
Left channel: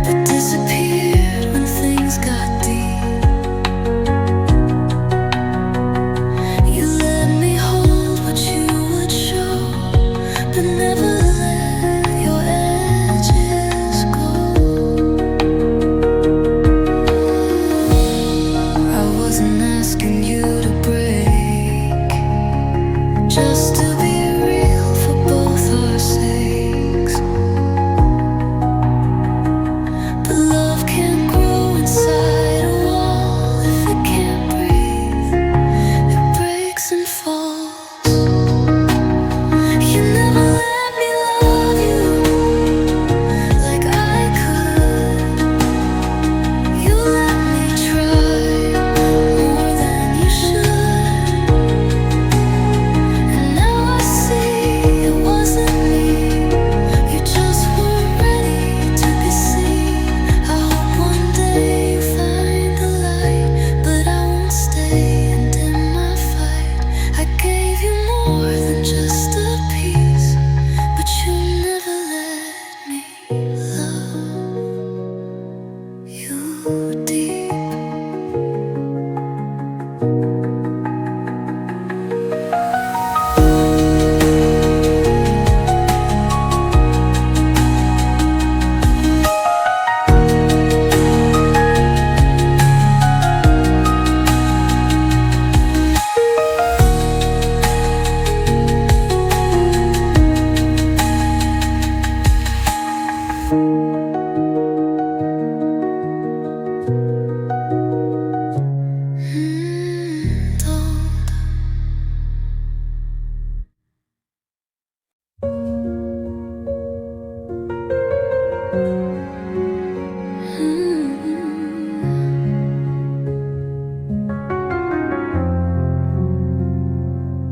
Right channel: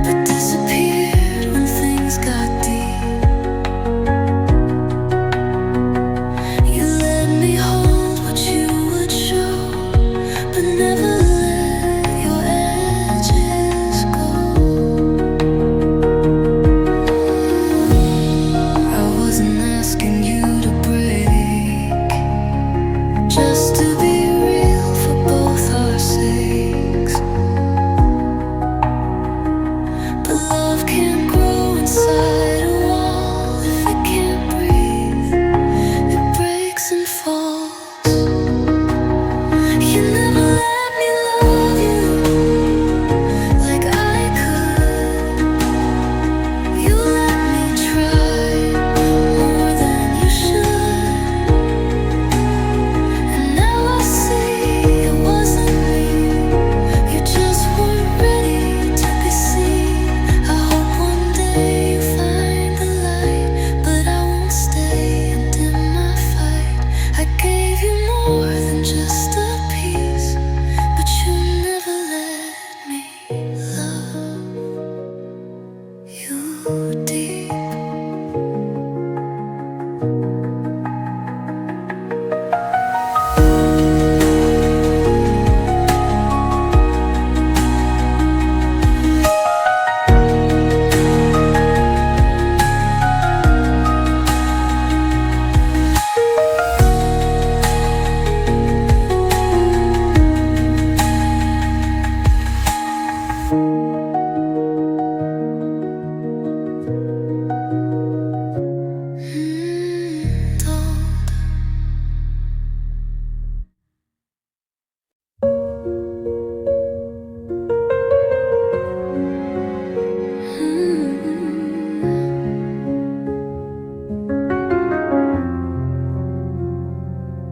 but disappeared when things got deep. You let me hold what you would show, but never let your edges go. I wasn't asking you to break, just to be real for both our sakes. But love can't grow inside a wall if it can't breathe. It breaks and falls. You never let me love you like I could. You let me try more than you should. And now I see it wasn't me. You just weren't ready to be seen. I hope one day you find the light, but I won't stay and dim my fight. I gave you more than just a piece, but you never let me love you deep.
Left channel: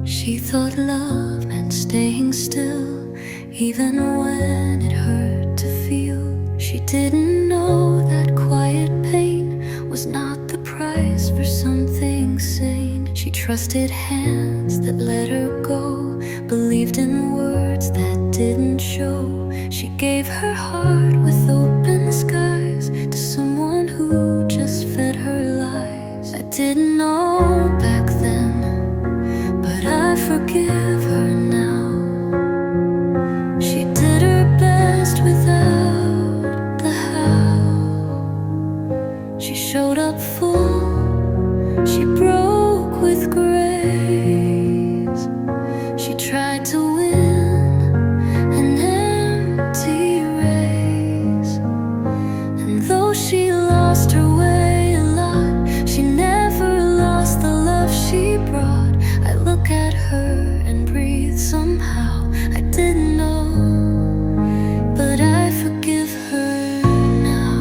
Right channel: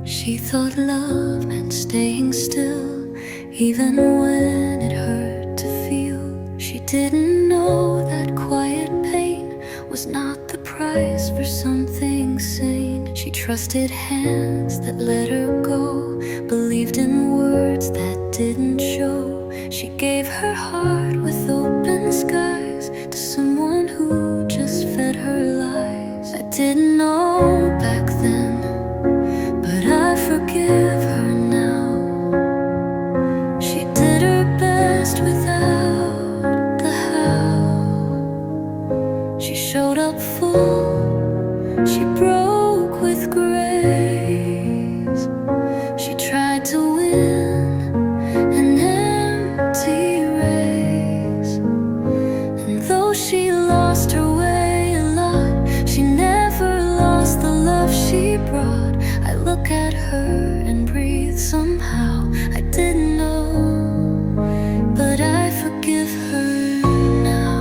She thought love meant staying still, even when it hurt to feel. She didn't know that quiet pain was not the price for something sane. She trusted hands that let her go, believed in words that didn't show. She gave her heart with open skies to someone who just fed her lies. I didn't know back then, but I forgive her now. She did her best without the how. She showed up full, she broke with grace. She tried to win an empty race. though she lost her way a lot, she never lost the love she brought. I look at her and breathe somehow. I didn't know, but I forgive her now.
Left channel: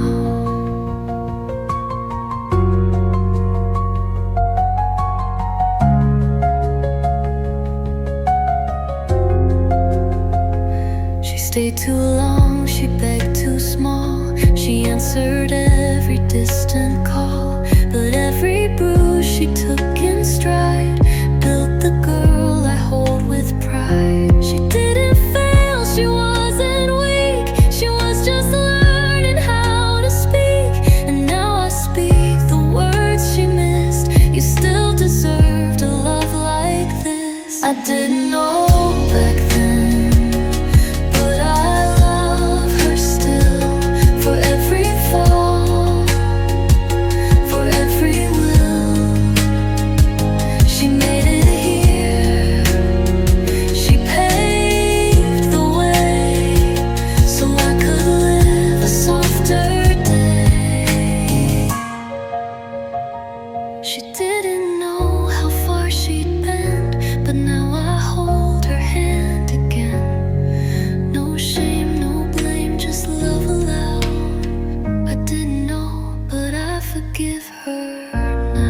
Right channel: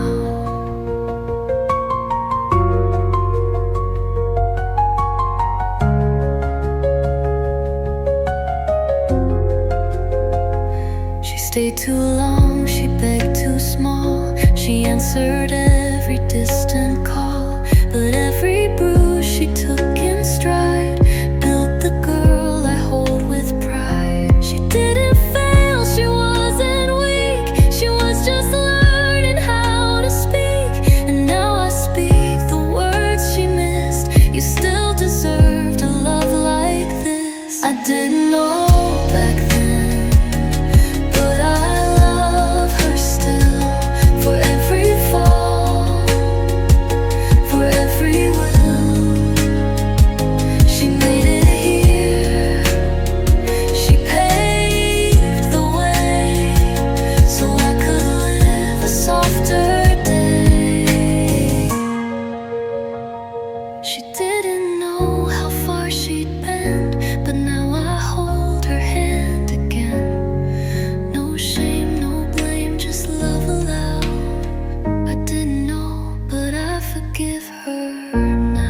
She stayed too long, she begged too small. She answered every distant call, but every bruise she took in stride built the girl I hold with pride. She didn't fail, she wasn't weak, she was just learning how to speak. And now I speak the words she missed. You still deserved a love like this. I didn't know back then, but I love her still. For every fall, for every will, she made it here. She paved the way so I could live a softer day. She didn't know how far she'd been, but now I hold her hand again. No shame, no blame, just love aloud. I didn't know, but I forgive her now.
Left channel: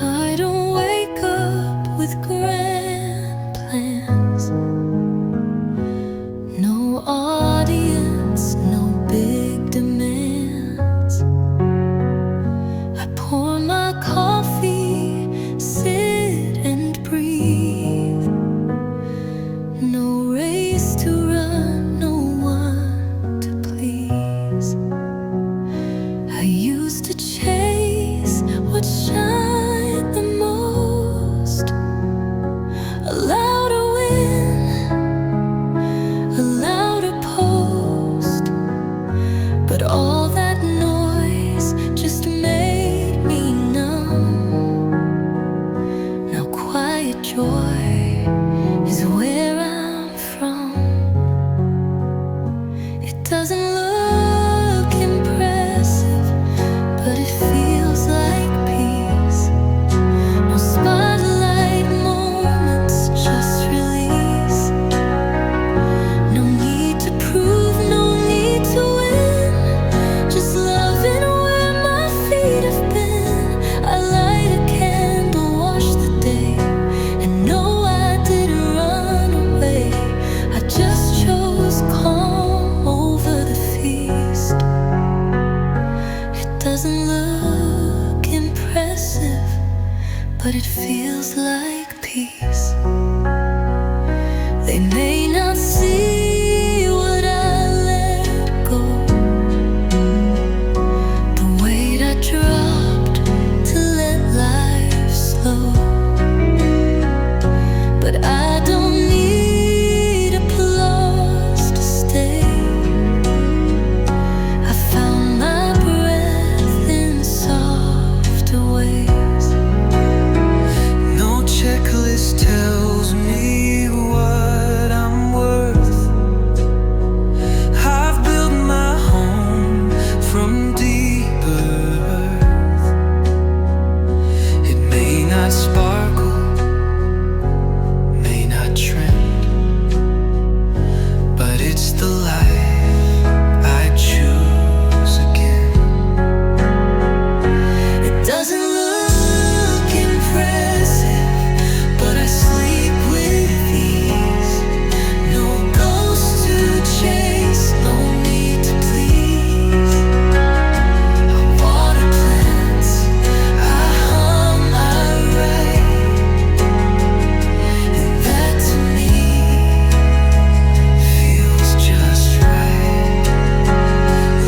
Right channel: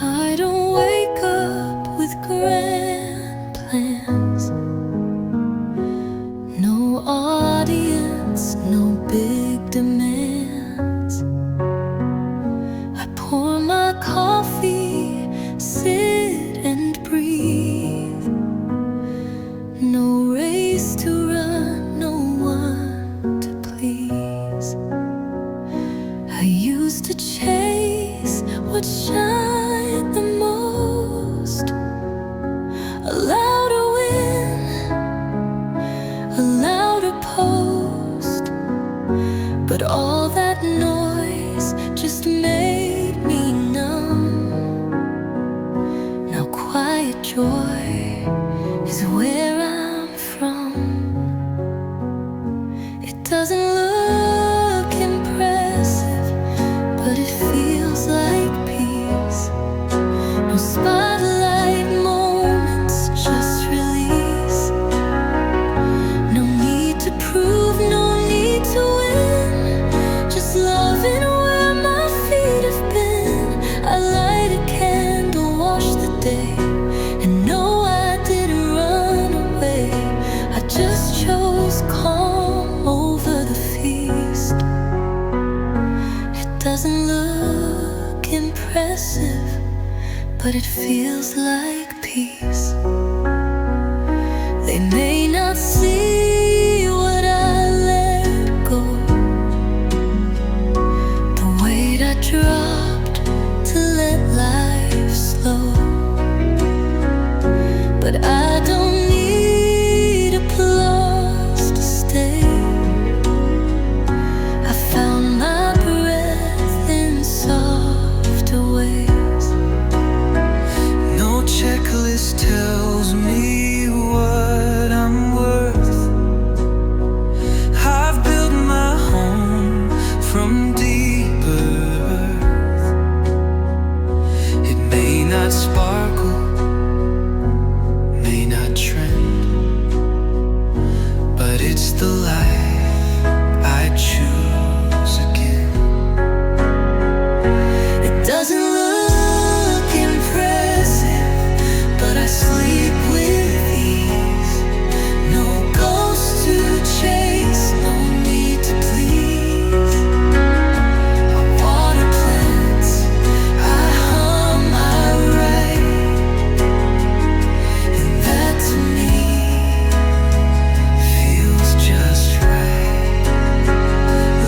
I don't wake up with grand plans. No audience, no big demands. I pour my coffee, sit and breathe. No race to run, no one to please. I used to chase what shined the most. A louder win, a louder post. But all that noise just made me numb. Now quiet joy is where I'm from. It doesn't look impressive, but it feels like peace. No spotlight moments, just release. No need to prove, no need to win. Just loving where my feet have been. I light a candle, wash the day, and no, I didn't run away. I just chose calm over the feast. It doesn't look impressive, but it feels like peace. They may not see what I let go, the weight I dropped to let life slow. But I don't need applause to stay. I found my breath in softer ways. No checklist tells me what I'm worth. it's the life I choose again. It doesn't look impressive, but I sleep with ease. No ghost to chase, no need to please. I water plants, I hum, I write, and that to me feels just right.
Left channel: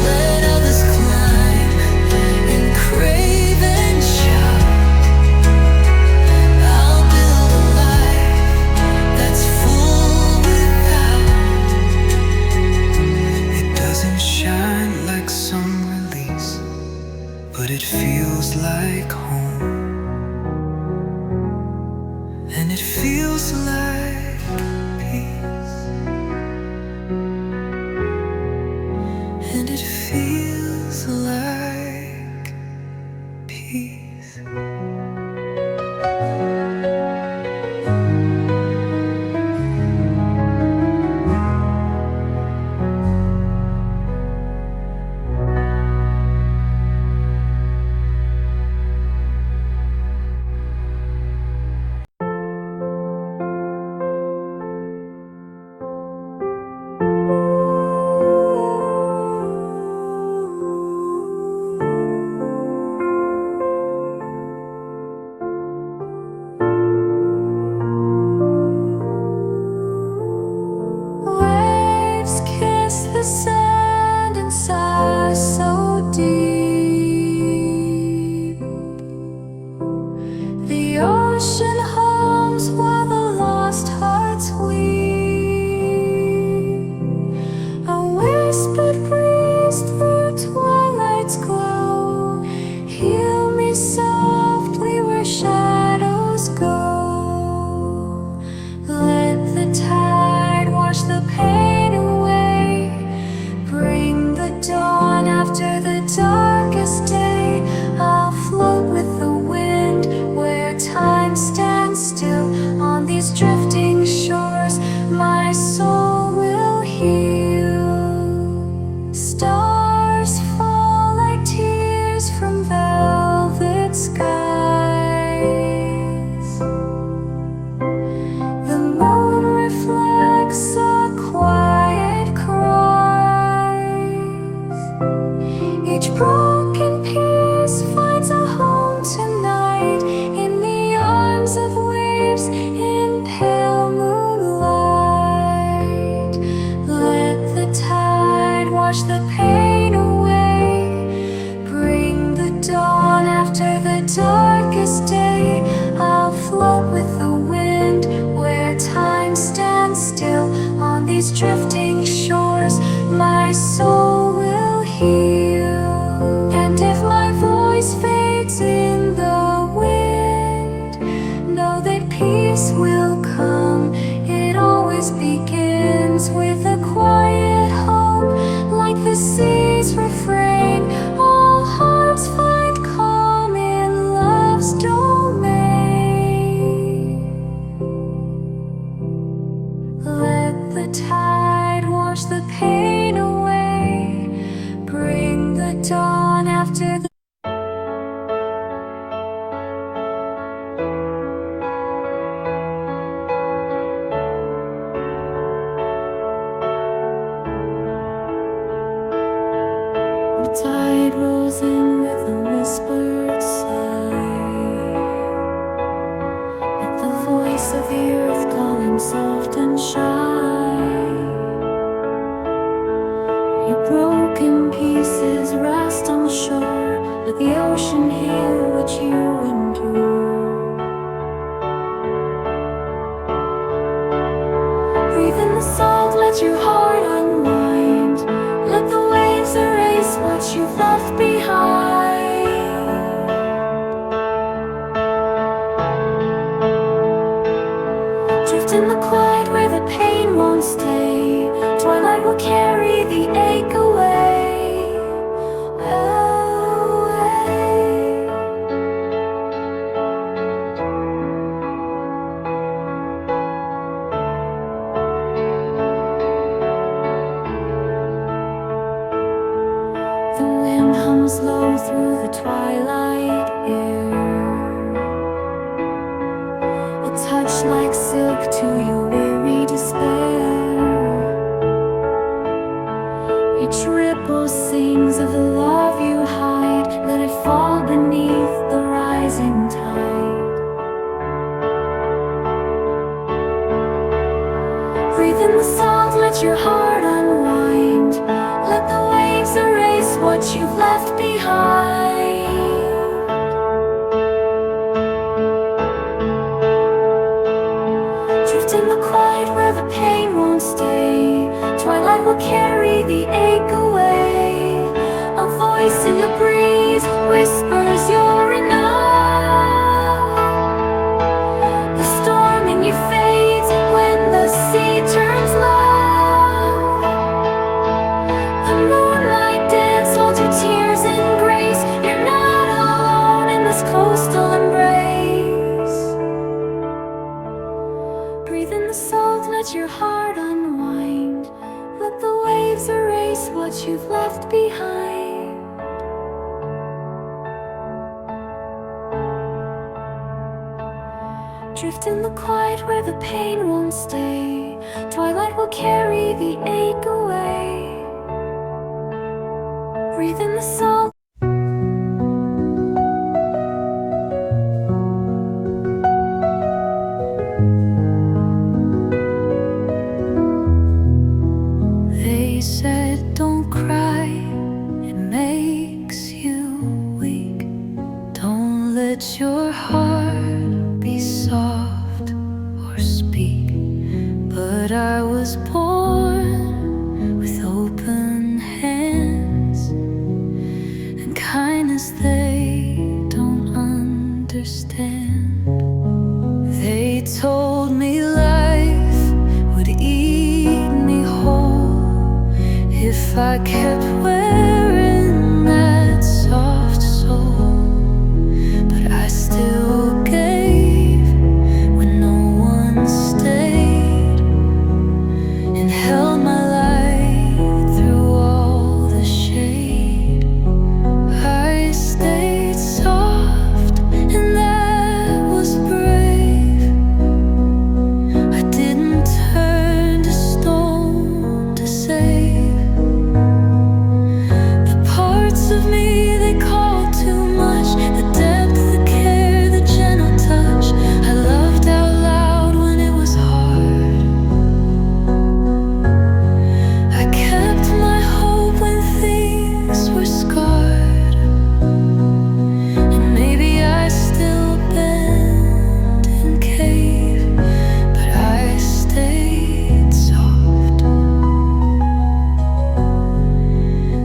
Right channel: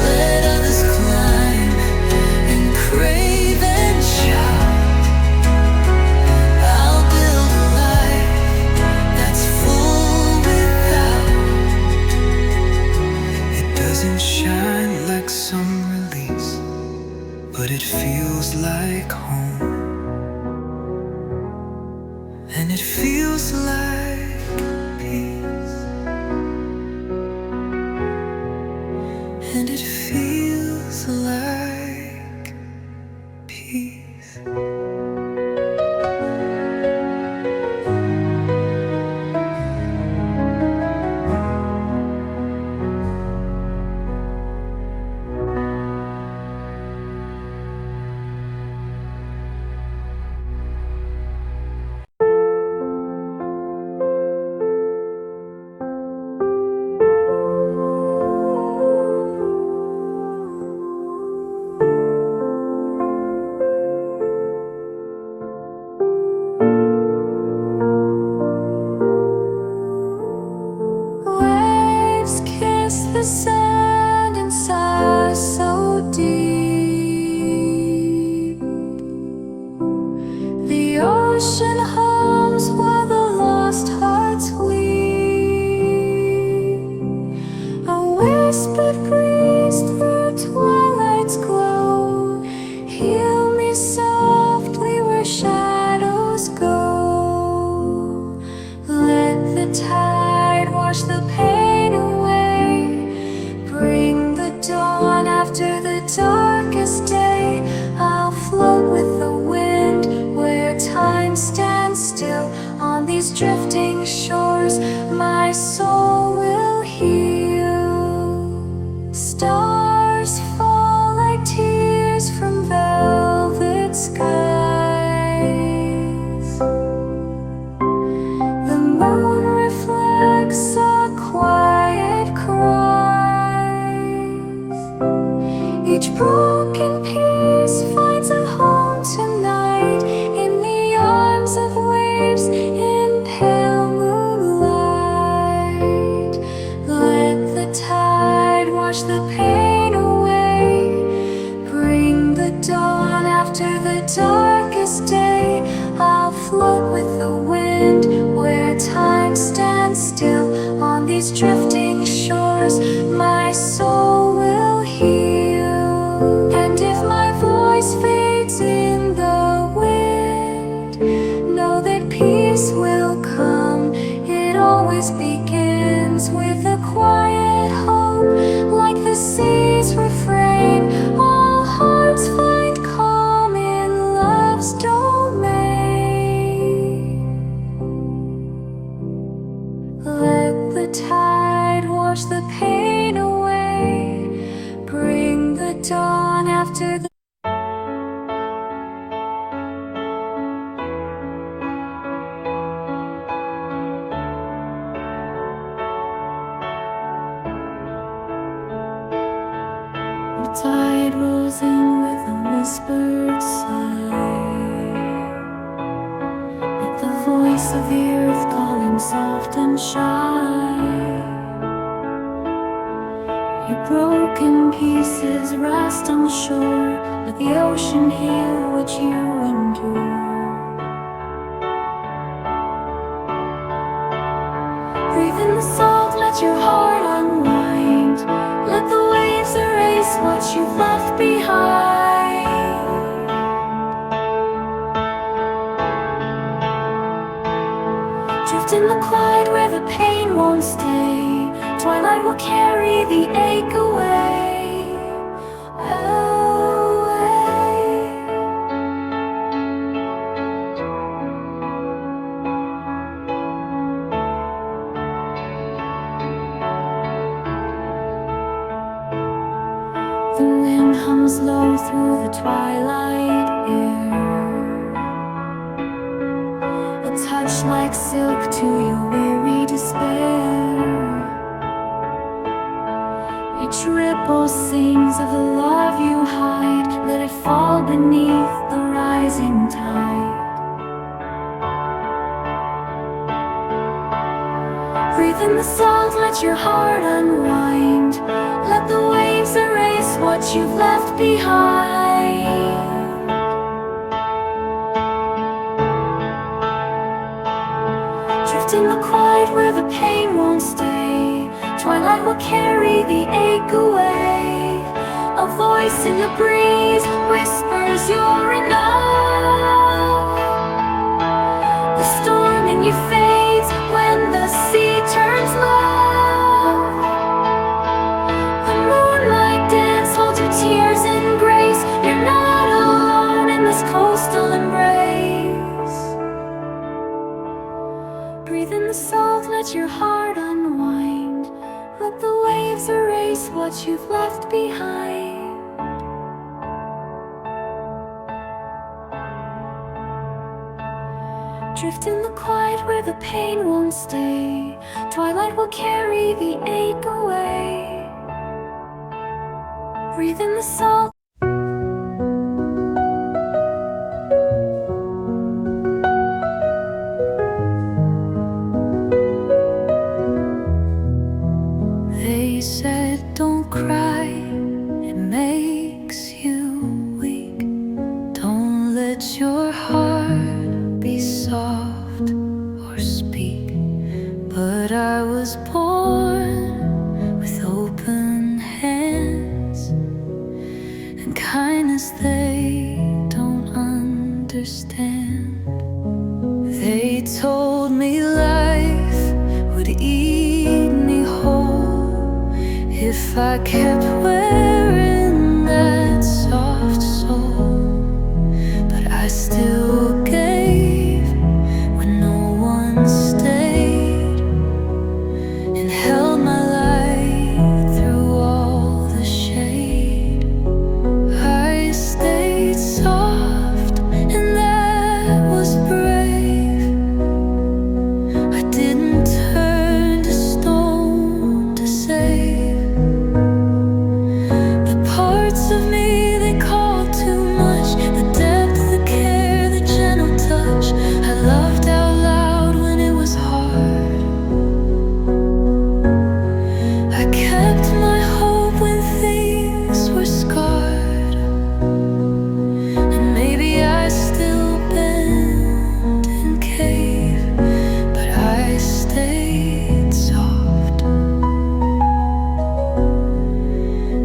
Let others climb and crave and shout. I'll build a life that's full without. It doesn't shine like some release, but it feels like home. And it feels like peace. And it feels like peace. Waves kiss the sand and sigh so deep. The ocean hums while the lost hearts weep. A whispered breeze through twilight's glow. Heal me softly where shadows go. Let the tide wash the pain away. Bring the dawn after the darkest day. I'll float with the wind where time stands still. On these drifting shores, my soul will heal. Stars fall like tears from velvet skies. The moon reflects a quiet cries. Each broken piece finds a home tonight in the arms of waves in pale moonlight. Let the tide wash the pain away. Bring the dawn after the darkest day. I'll float with the wind where time stands still. On these drifting shores, my soul will heal. And if my voice fades in the wind, know that peace will come. It always begins with a quiet hope, like the sea's refrain. All hearts find calm in love's domain. Let the tide wash the pain away. Bring the dawn after the tide rolls in with a whispered sigh. Let the voice of the earth calling soft and shy. Your broken pieces rest on the shore. Let the ocean heal what you endure. Breathe in the salt, let your heart unwind. Let the waves erase what you've left behind. Drift in the quiet where the pain won't stay. Twilight will carry the ache away. Away. The wind hums low through the twilight air, a touch like silk to your weary despair. Each ripple sings of the love you hide. Let it fall beneath the rising tide. Breathe in the salt, let your heart unwind. Let the waves erase what you've left behind. Drift in the quiet where the pain won't stay. Twilight will carry the ache away. A voice in the breeze whispers you're enough. The storm in you fades when the sea turns low. The moonlight dance holds your tears in grace. You're not alone in this coastal embrace. Breathe in the salt, let your heart unwind. Let the waves erase what you've left behind. Drift in the quiet where the pain won't stay. Twilight will carry the ache away. Breathe in the salt. They said don't cry, it makes you weak. Don't let your heart be soft or speak. But I was born with open hands and kindness they don't understand. They told me life would eat me whole if I kept wearing that soft soul. But I still gave when no one stayed, and held my light through all the shade. I stayed soft, and that was brave. I didn't turn to stone to save. Parts of me they called too much. The depth, the care, the gentle touch. I loved out loud when it was hard. I kept my hope when things were scarred. And maybe I still bend and cave, but I stayed soft.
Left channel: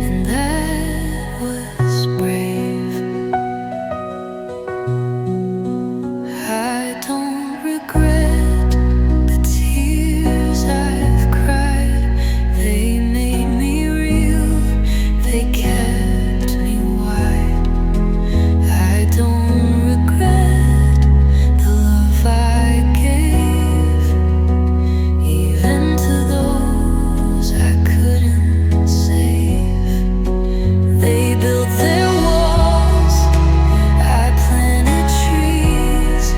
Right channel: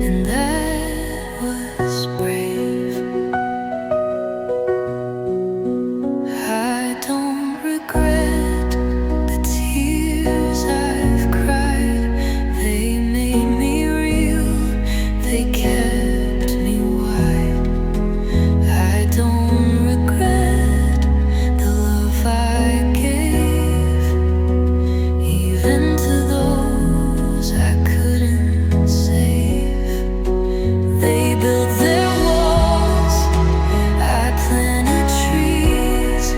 And that was brave. I don't regret the tears I've cried. They made me real, they kept me wide. I don't regret the love I gave, even to those I couldn't save. They built their walls, I planted trees.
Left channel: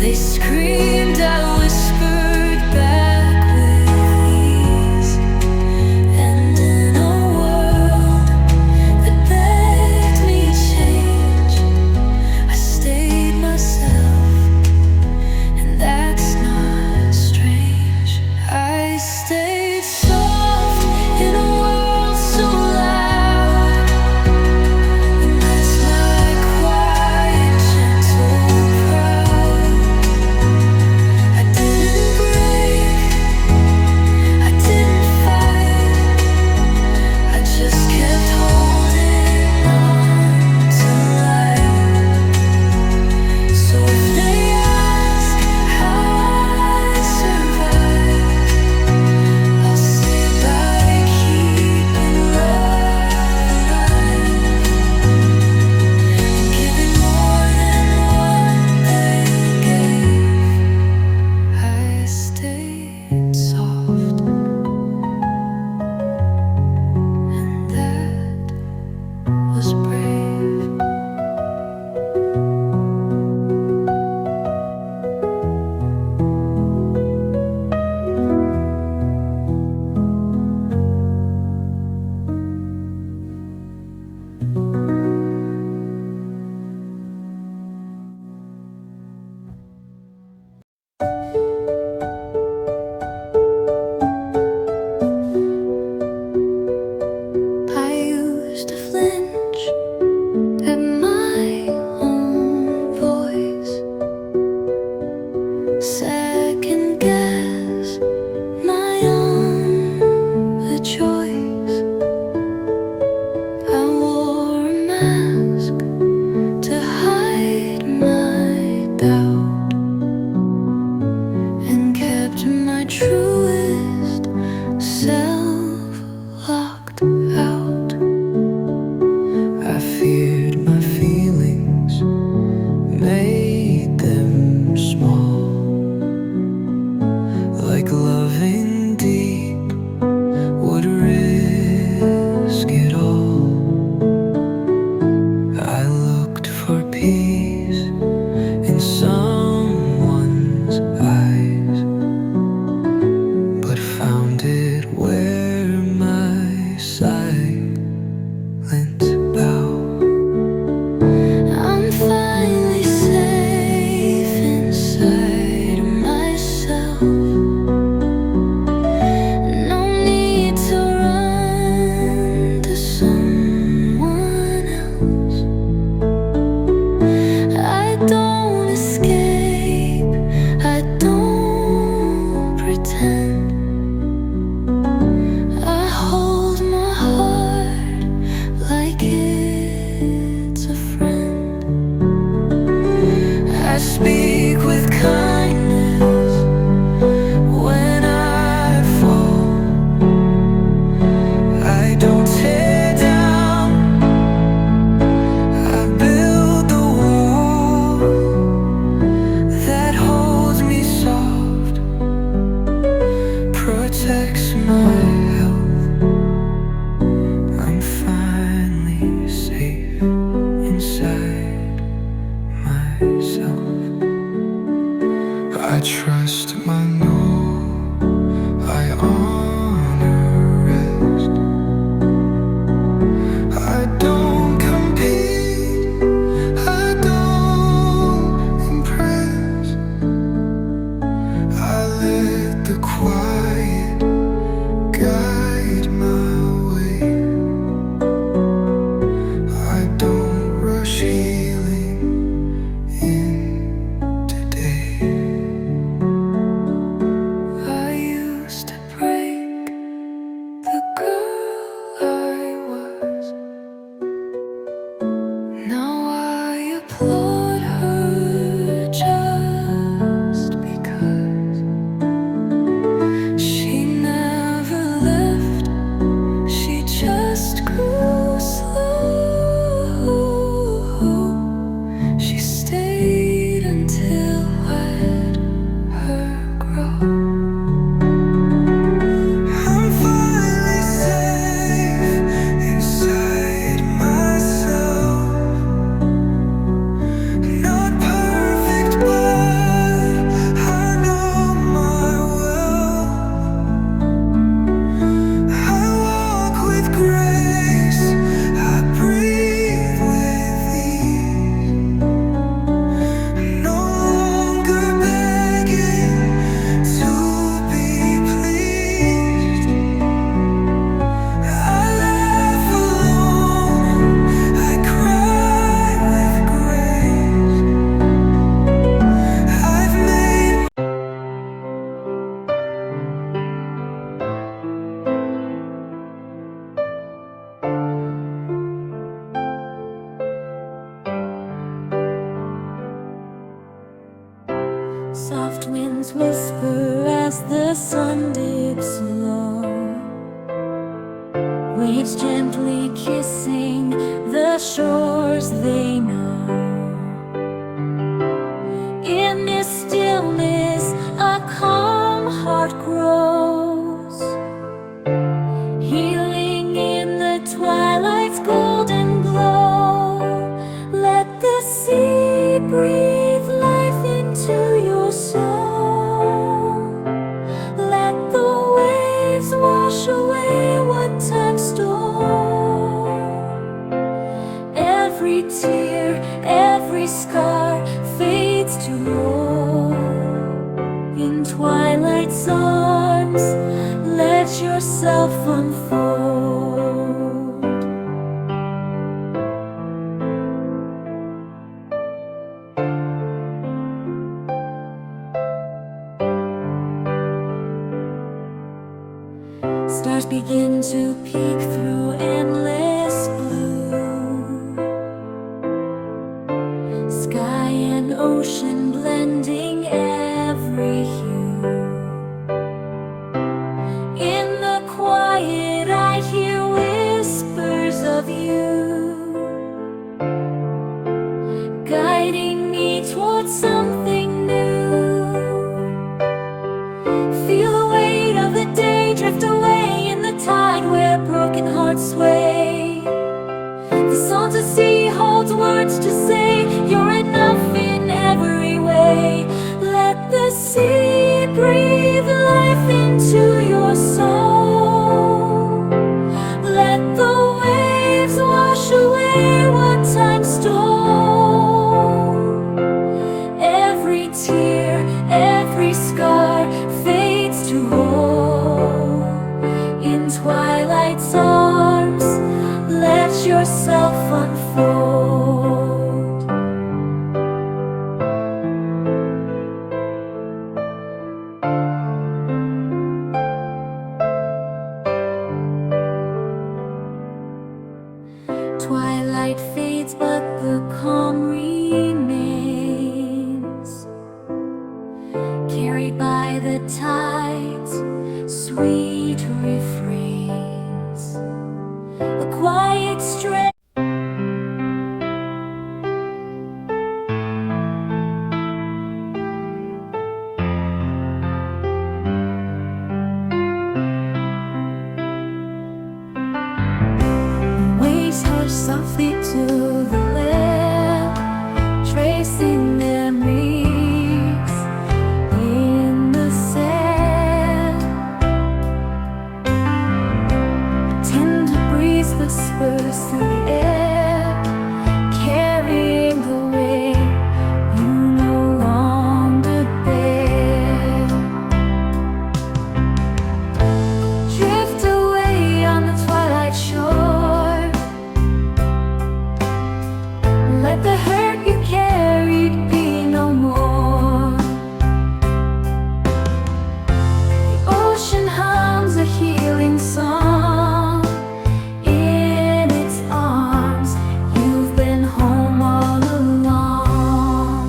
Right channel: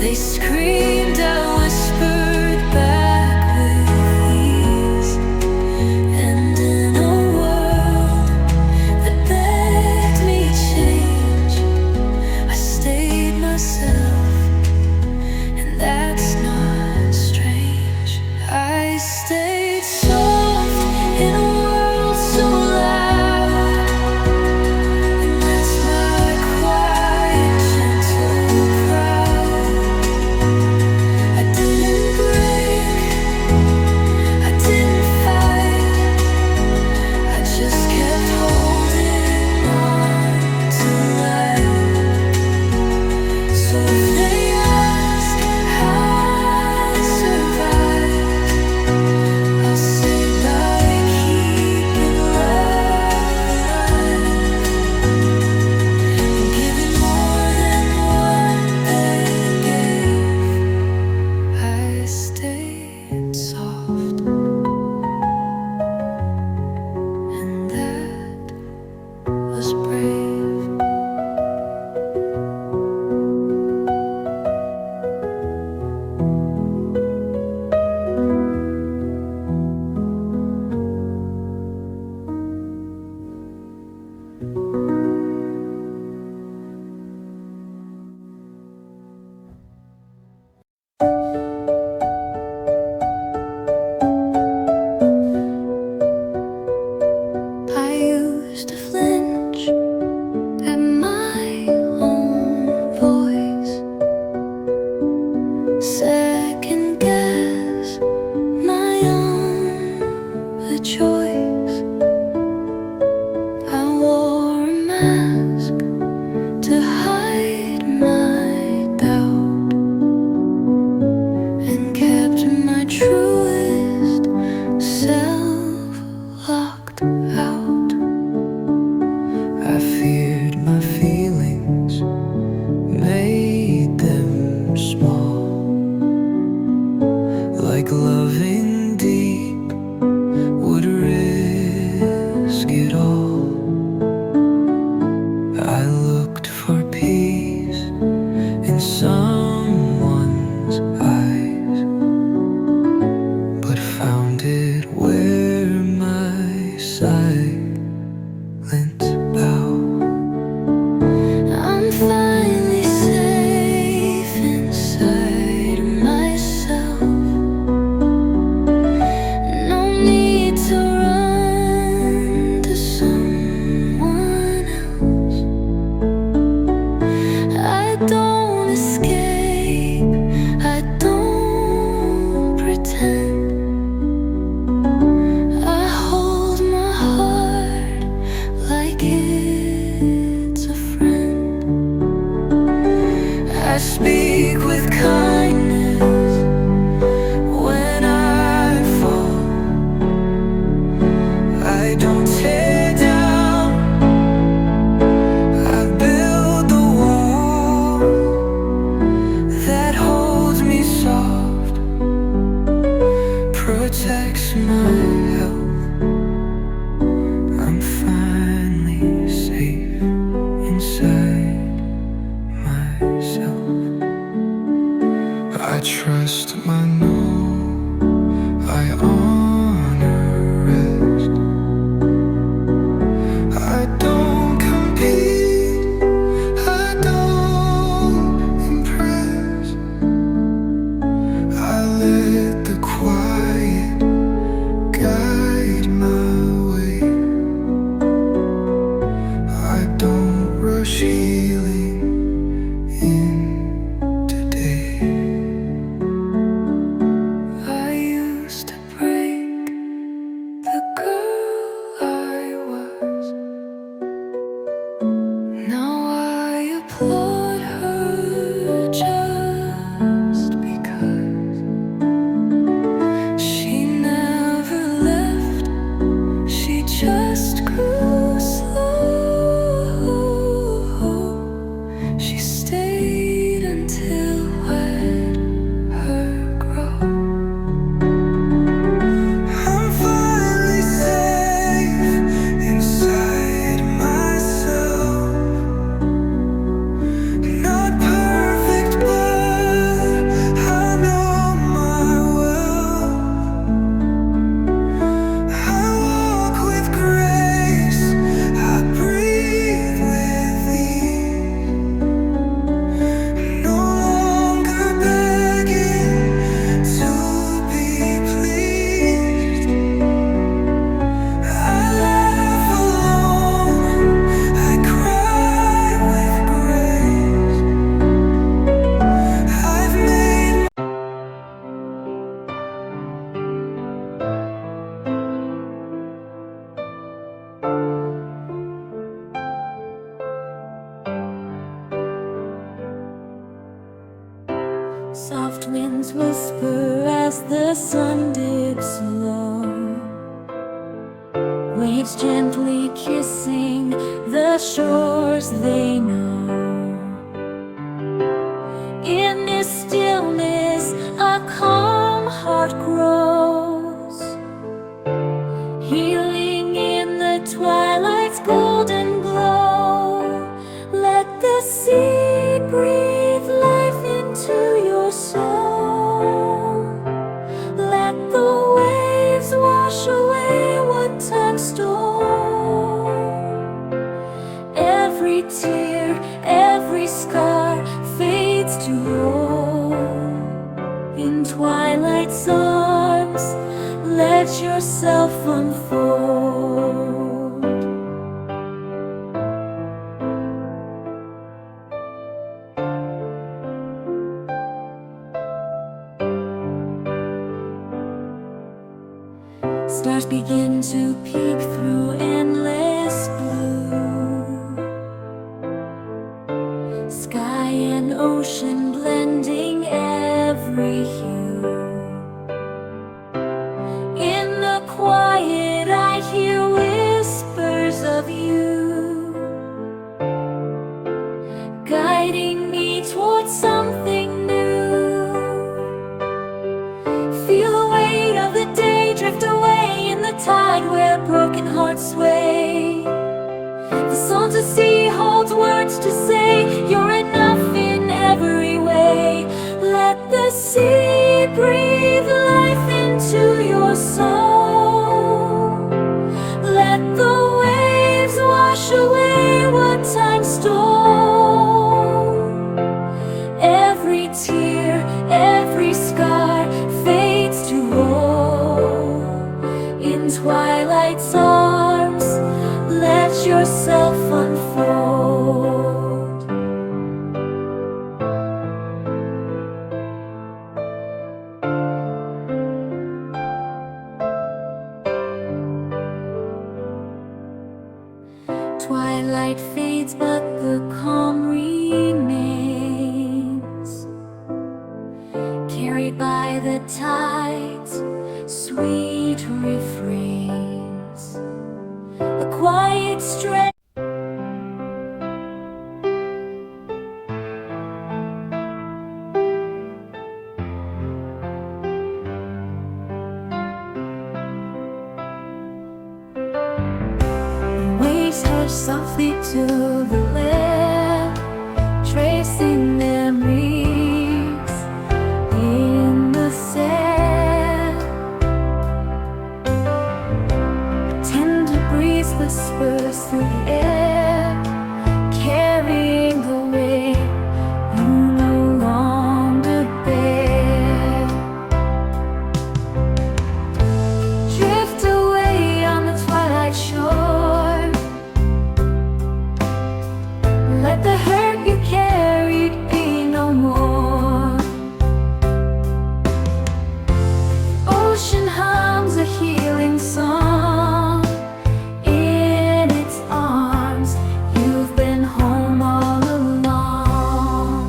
They screamed, I whispered back with ease. And in a world that begged me change, I stayed myself, and that's not strange. I stayed soft in a world so loud, and that's my quiet, gentle proud. I didn't break, I didn't fight, I just kept holding on to life. So if they ask how I survived, I'll say myself locked out. I feared my feelings, made them small, like loving deep would risk it all. I looked for peace in someone's eyes, but found it where my silence bow. I'm finally safe inside of myself. No need to run to someone else. I don't escape, I don't pretend. I hold my heart like it's a friend. I speak with kindness when I fall. I don't tear down, I build the wall that holds me soft, protects my health. I'm finally safe inside myself. I trust my no, I honor rest. I don't compete, I don't impress. I let the quiet guide my way. I don't rush healing in today. I used to break the girl I was. Now I applaud her just because she never left, she just grew slow. She stayed until let her grow. I'm finally safe inside myself. Not perfect, but I know my will. I walk with grace, I breathe with ease. No longer begging to be pleased. I laugh alone, I cry with grace. I've made Soft winds whisper as the sun dips low, waves gently kissing the shores they know. In this stillness a calm heart grows, healing in the twilight's golden glow. Let the sea breathe life into your soul. Let the waves wash away what time stole. Every tear, every scar fades to roll. In twilight's arms, let yourself unfold. Stars begin to peek through endless blue. Sky and ocean blending every hue. In the hearts sway. The song to see holds words to say. You're enough in every way. Let the sea breathe life into your soul. Let the waves wash away what time stole. Every tear, every scar fades to woe. In twilight's arms, let yourself unfold. Twilight fades, but the calm remains, carried by the tides, sweet refrains, a quiet strength. Waves hush softly to the left, tracing memories in the sand. Tender breeze whispers through the air, carrying the weight you no longer bear. Drift away on the twilight shore. Let the hurt you carried be no more. The ocean hums a healing song. In its arms, you've been home all along.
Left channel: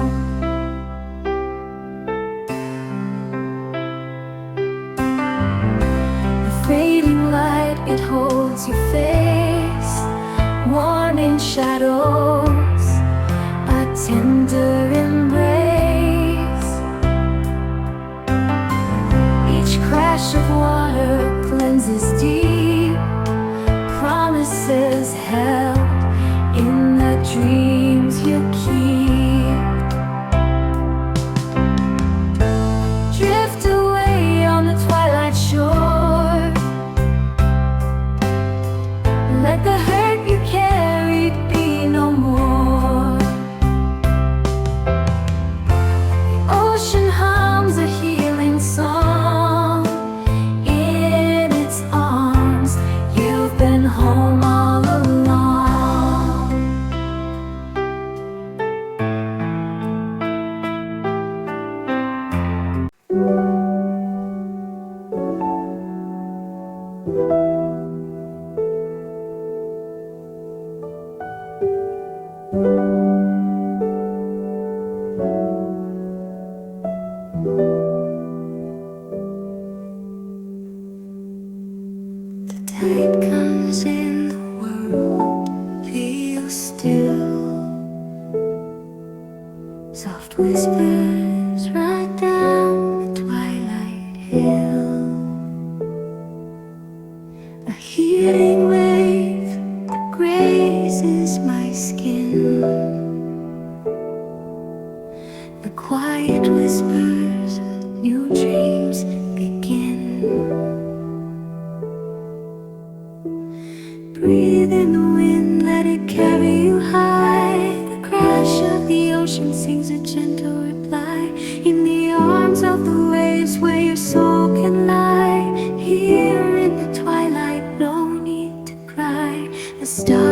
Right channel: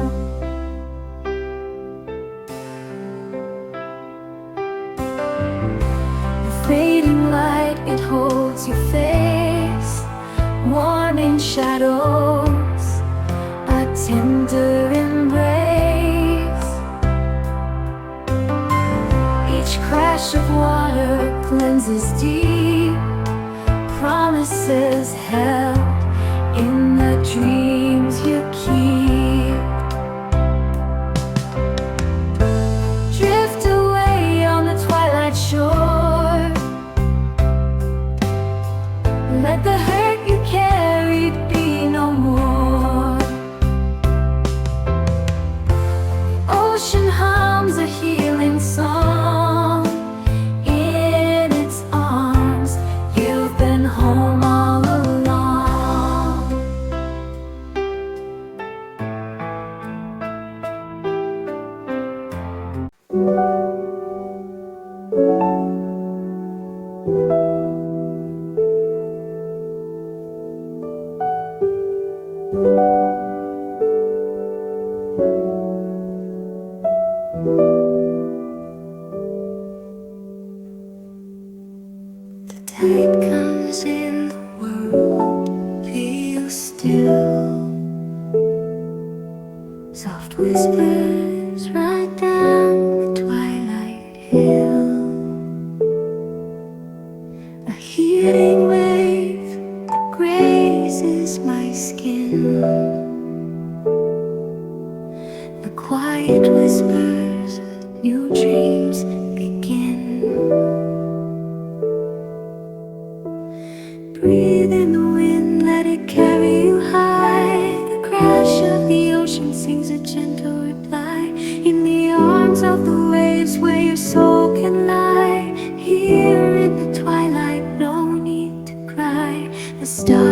The fading light, it holds your face, warning shadows, a tender embrace. Each crash of water cleanses deep, promises held in the dreams you keep. Drift away on the twilight shore. Let the hurt you carried be no more. The ocean hums a healing song. In its arms, you've been home all along. The tide comes in, the world feels still. Soft whispers right down the twilight hill. A healing wave that grazes my skin. The quiet whispers of new dreams begin. Breathe in the wind, let it carry you high. The crash of the ocean sings a gentle reply. In the arms of the waves where your soul can lie. Here in the twilight, no need to cry. The stars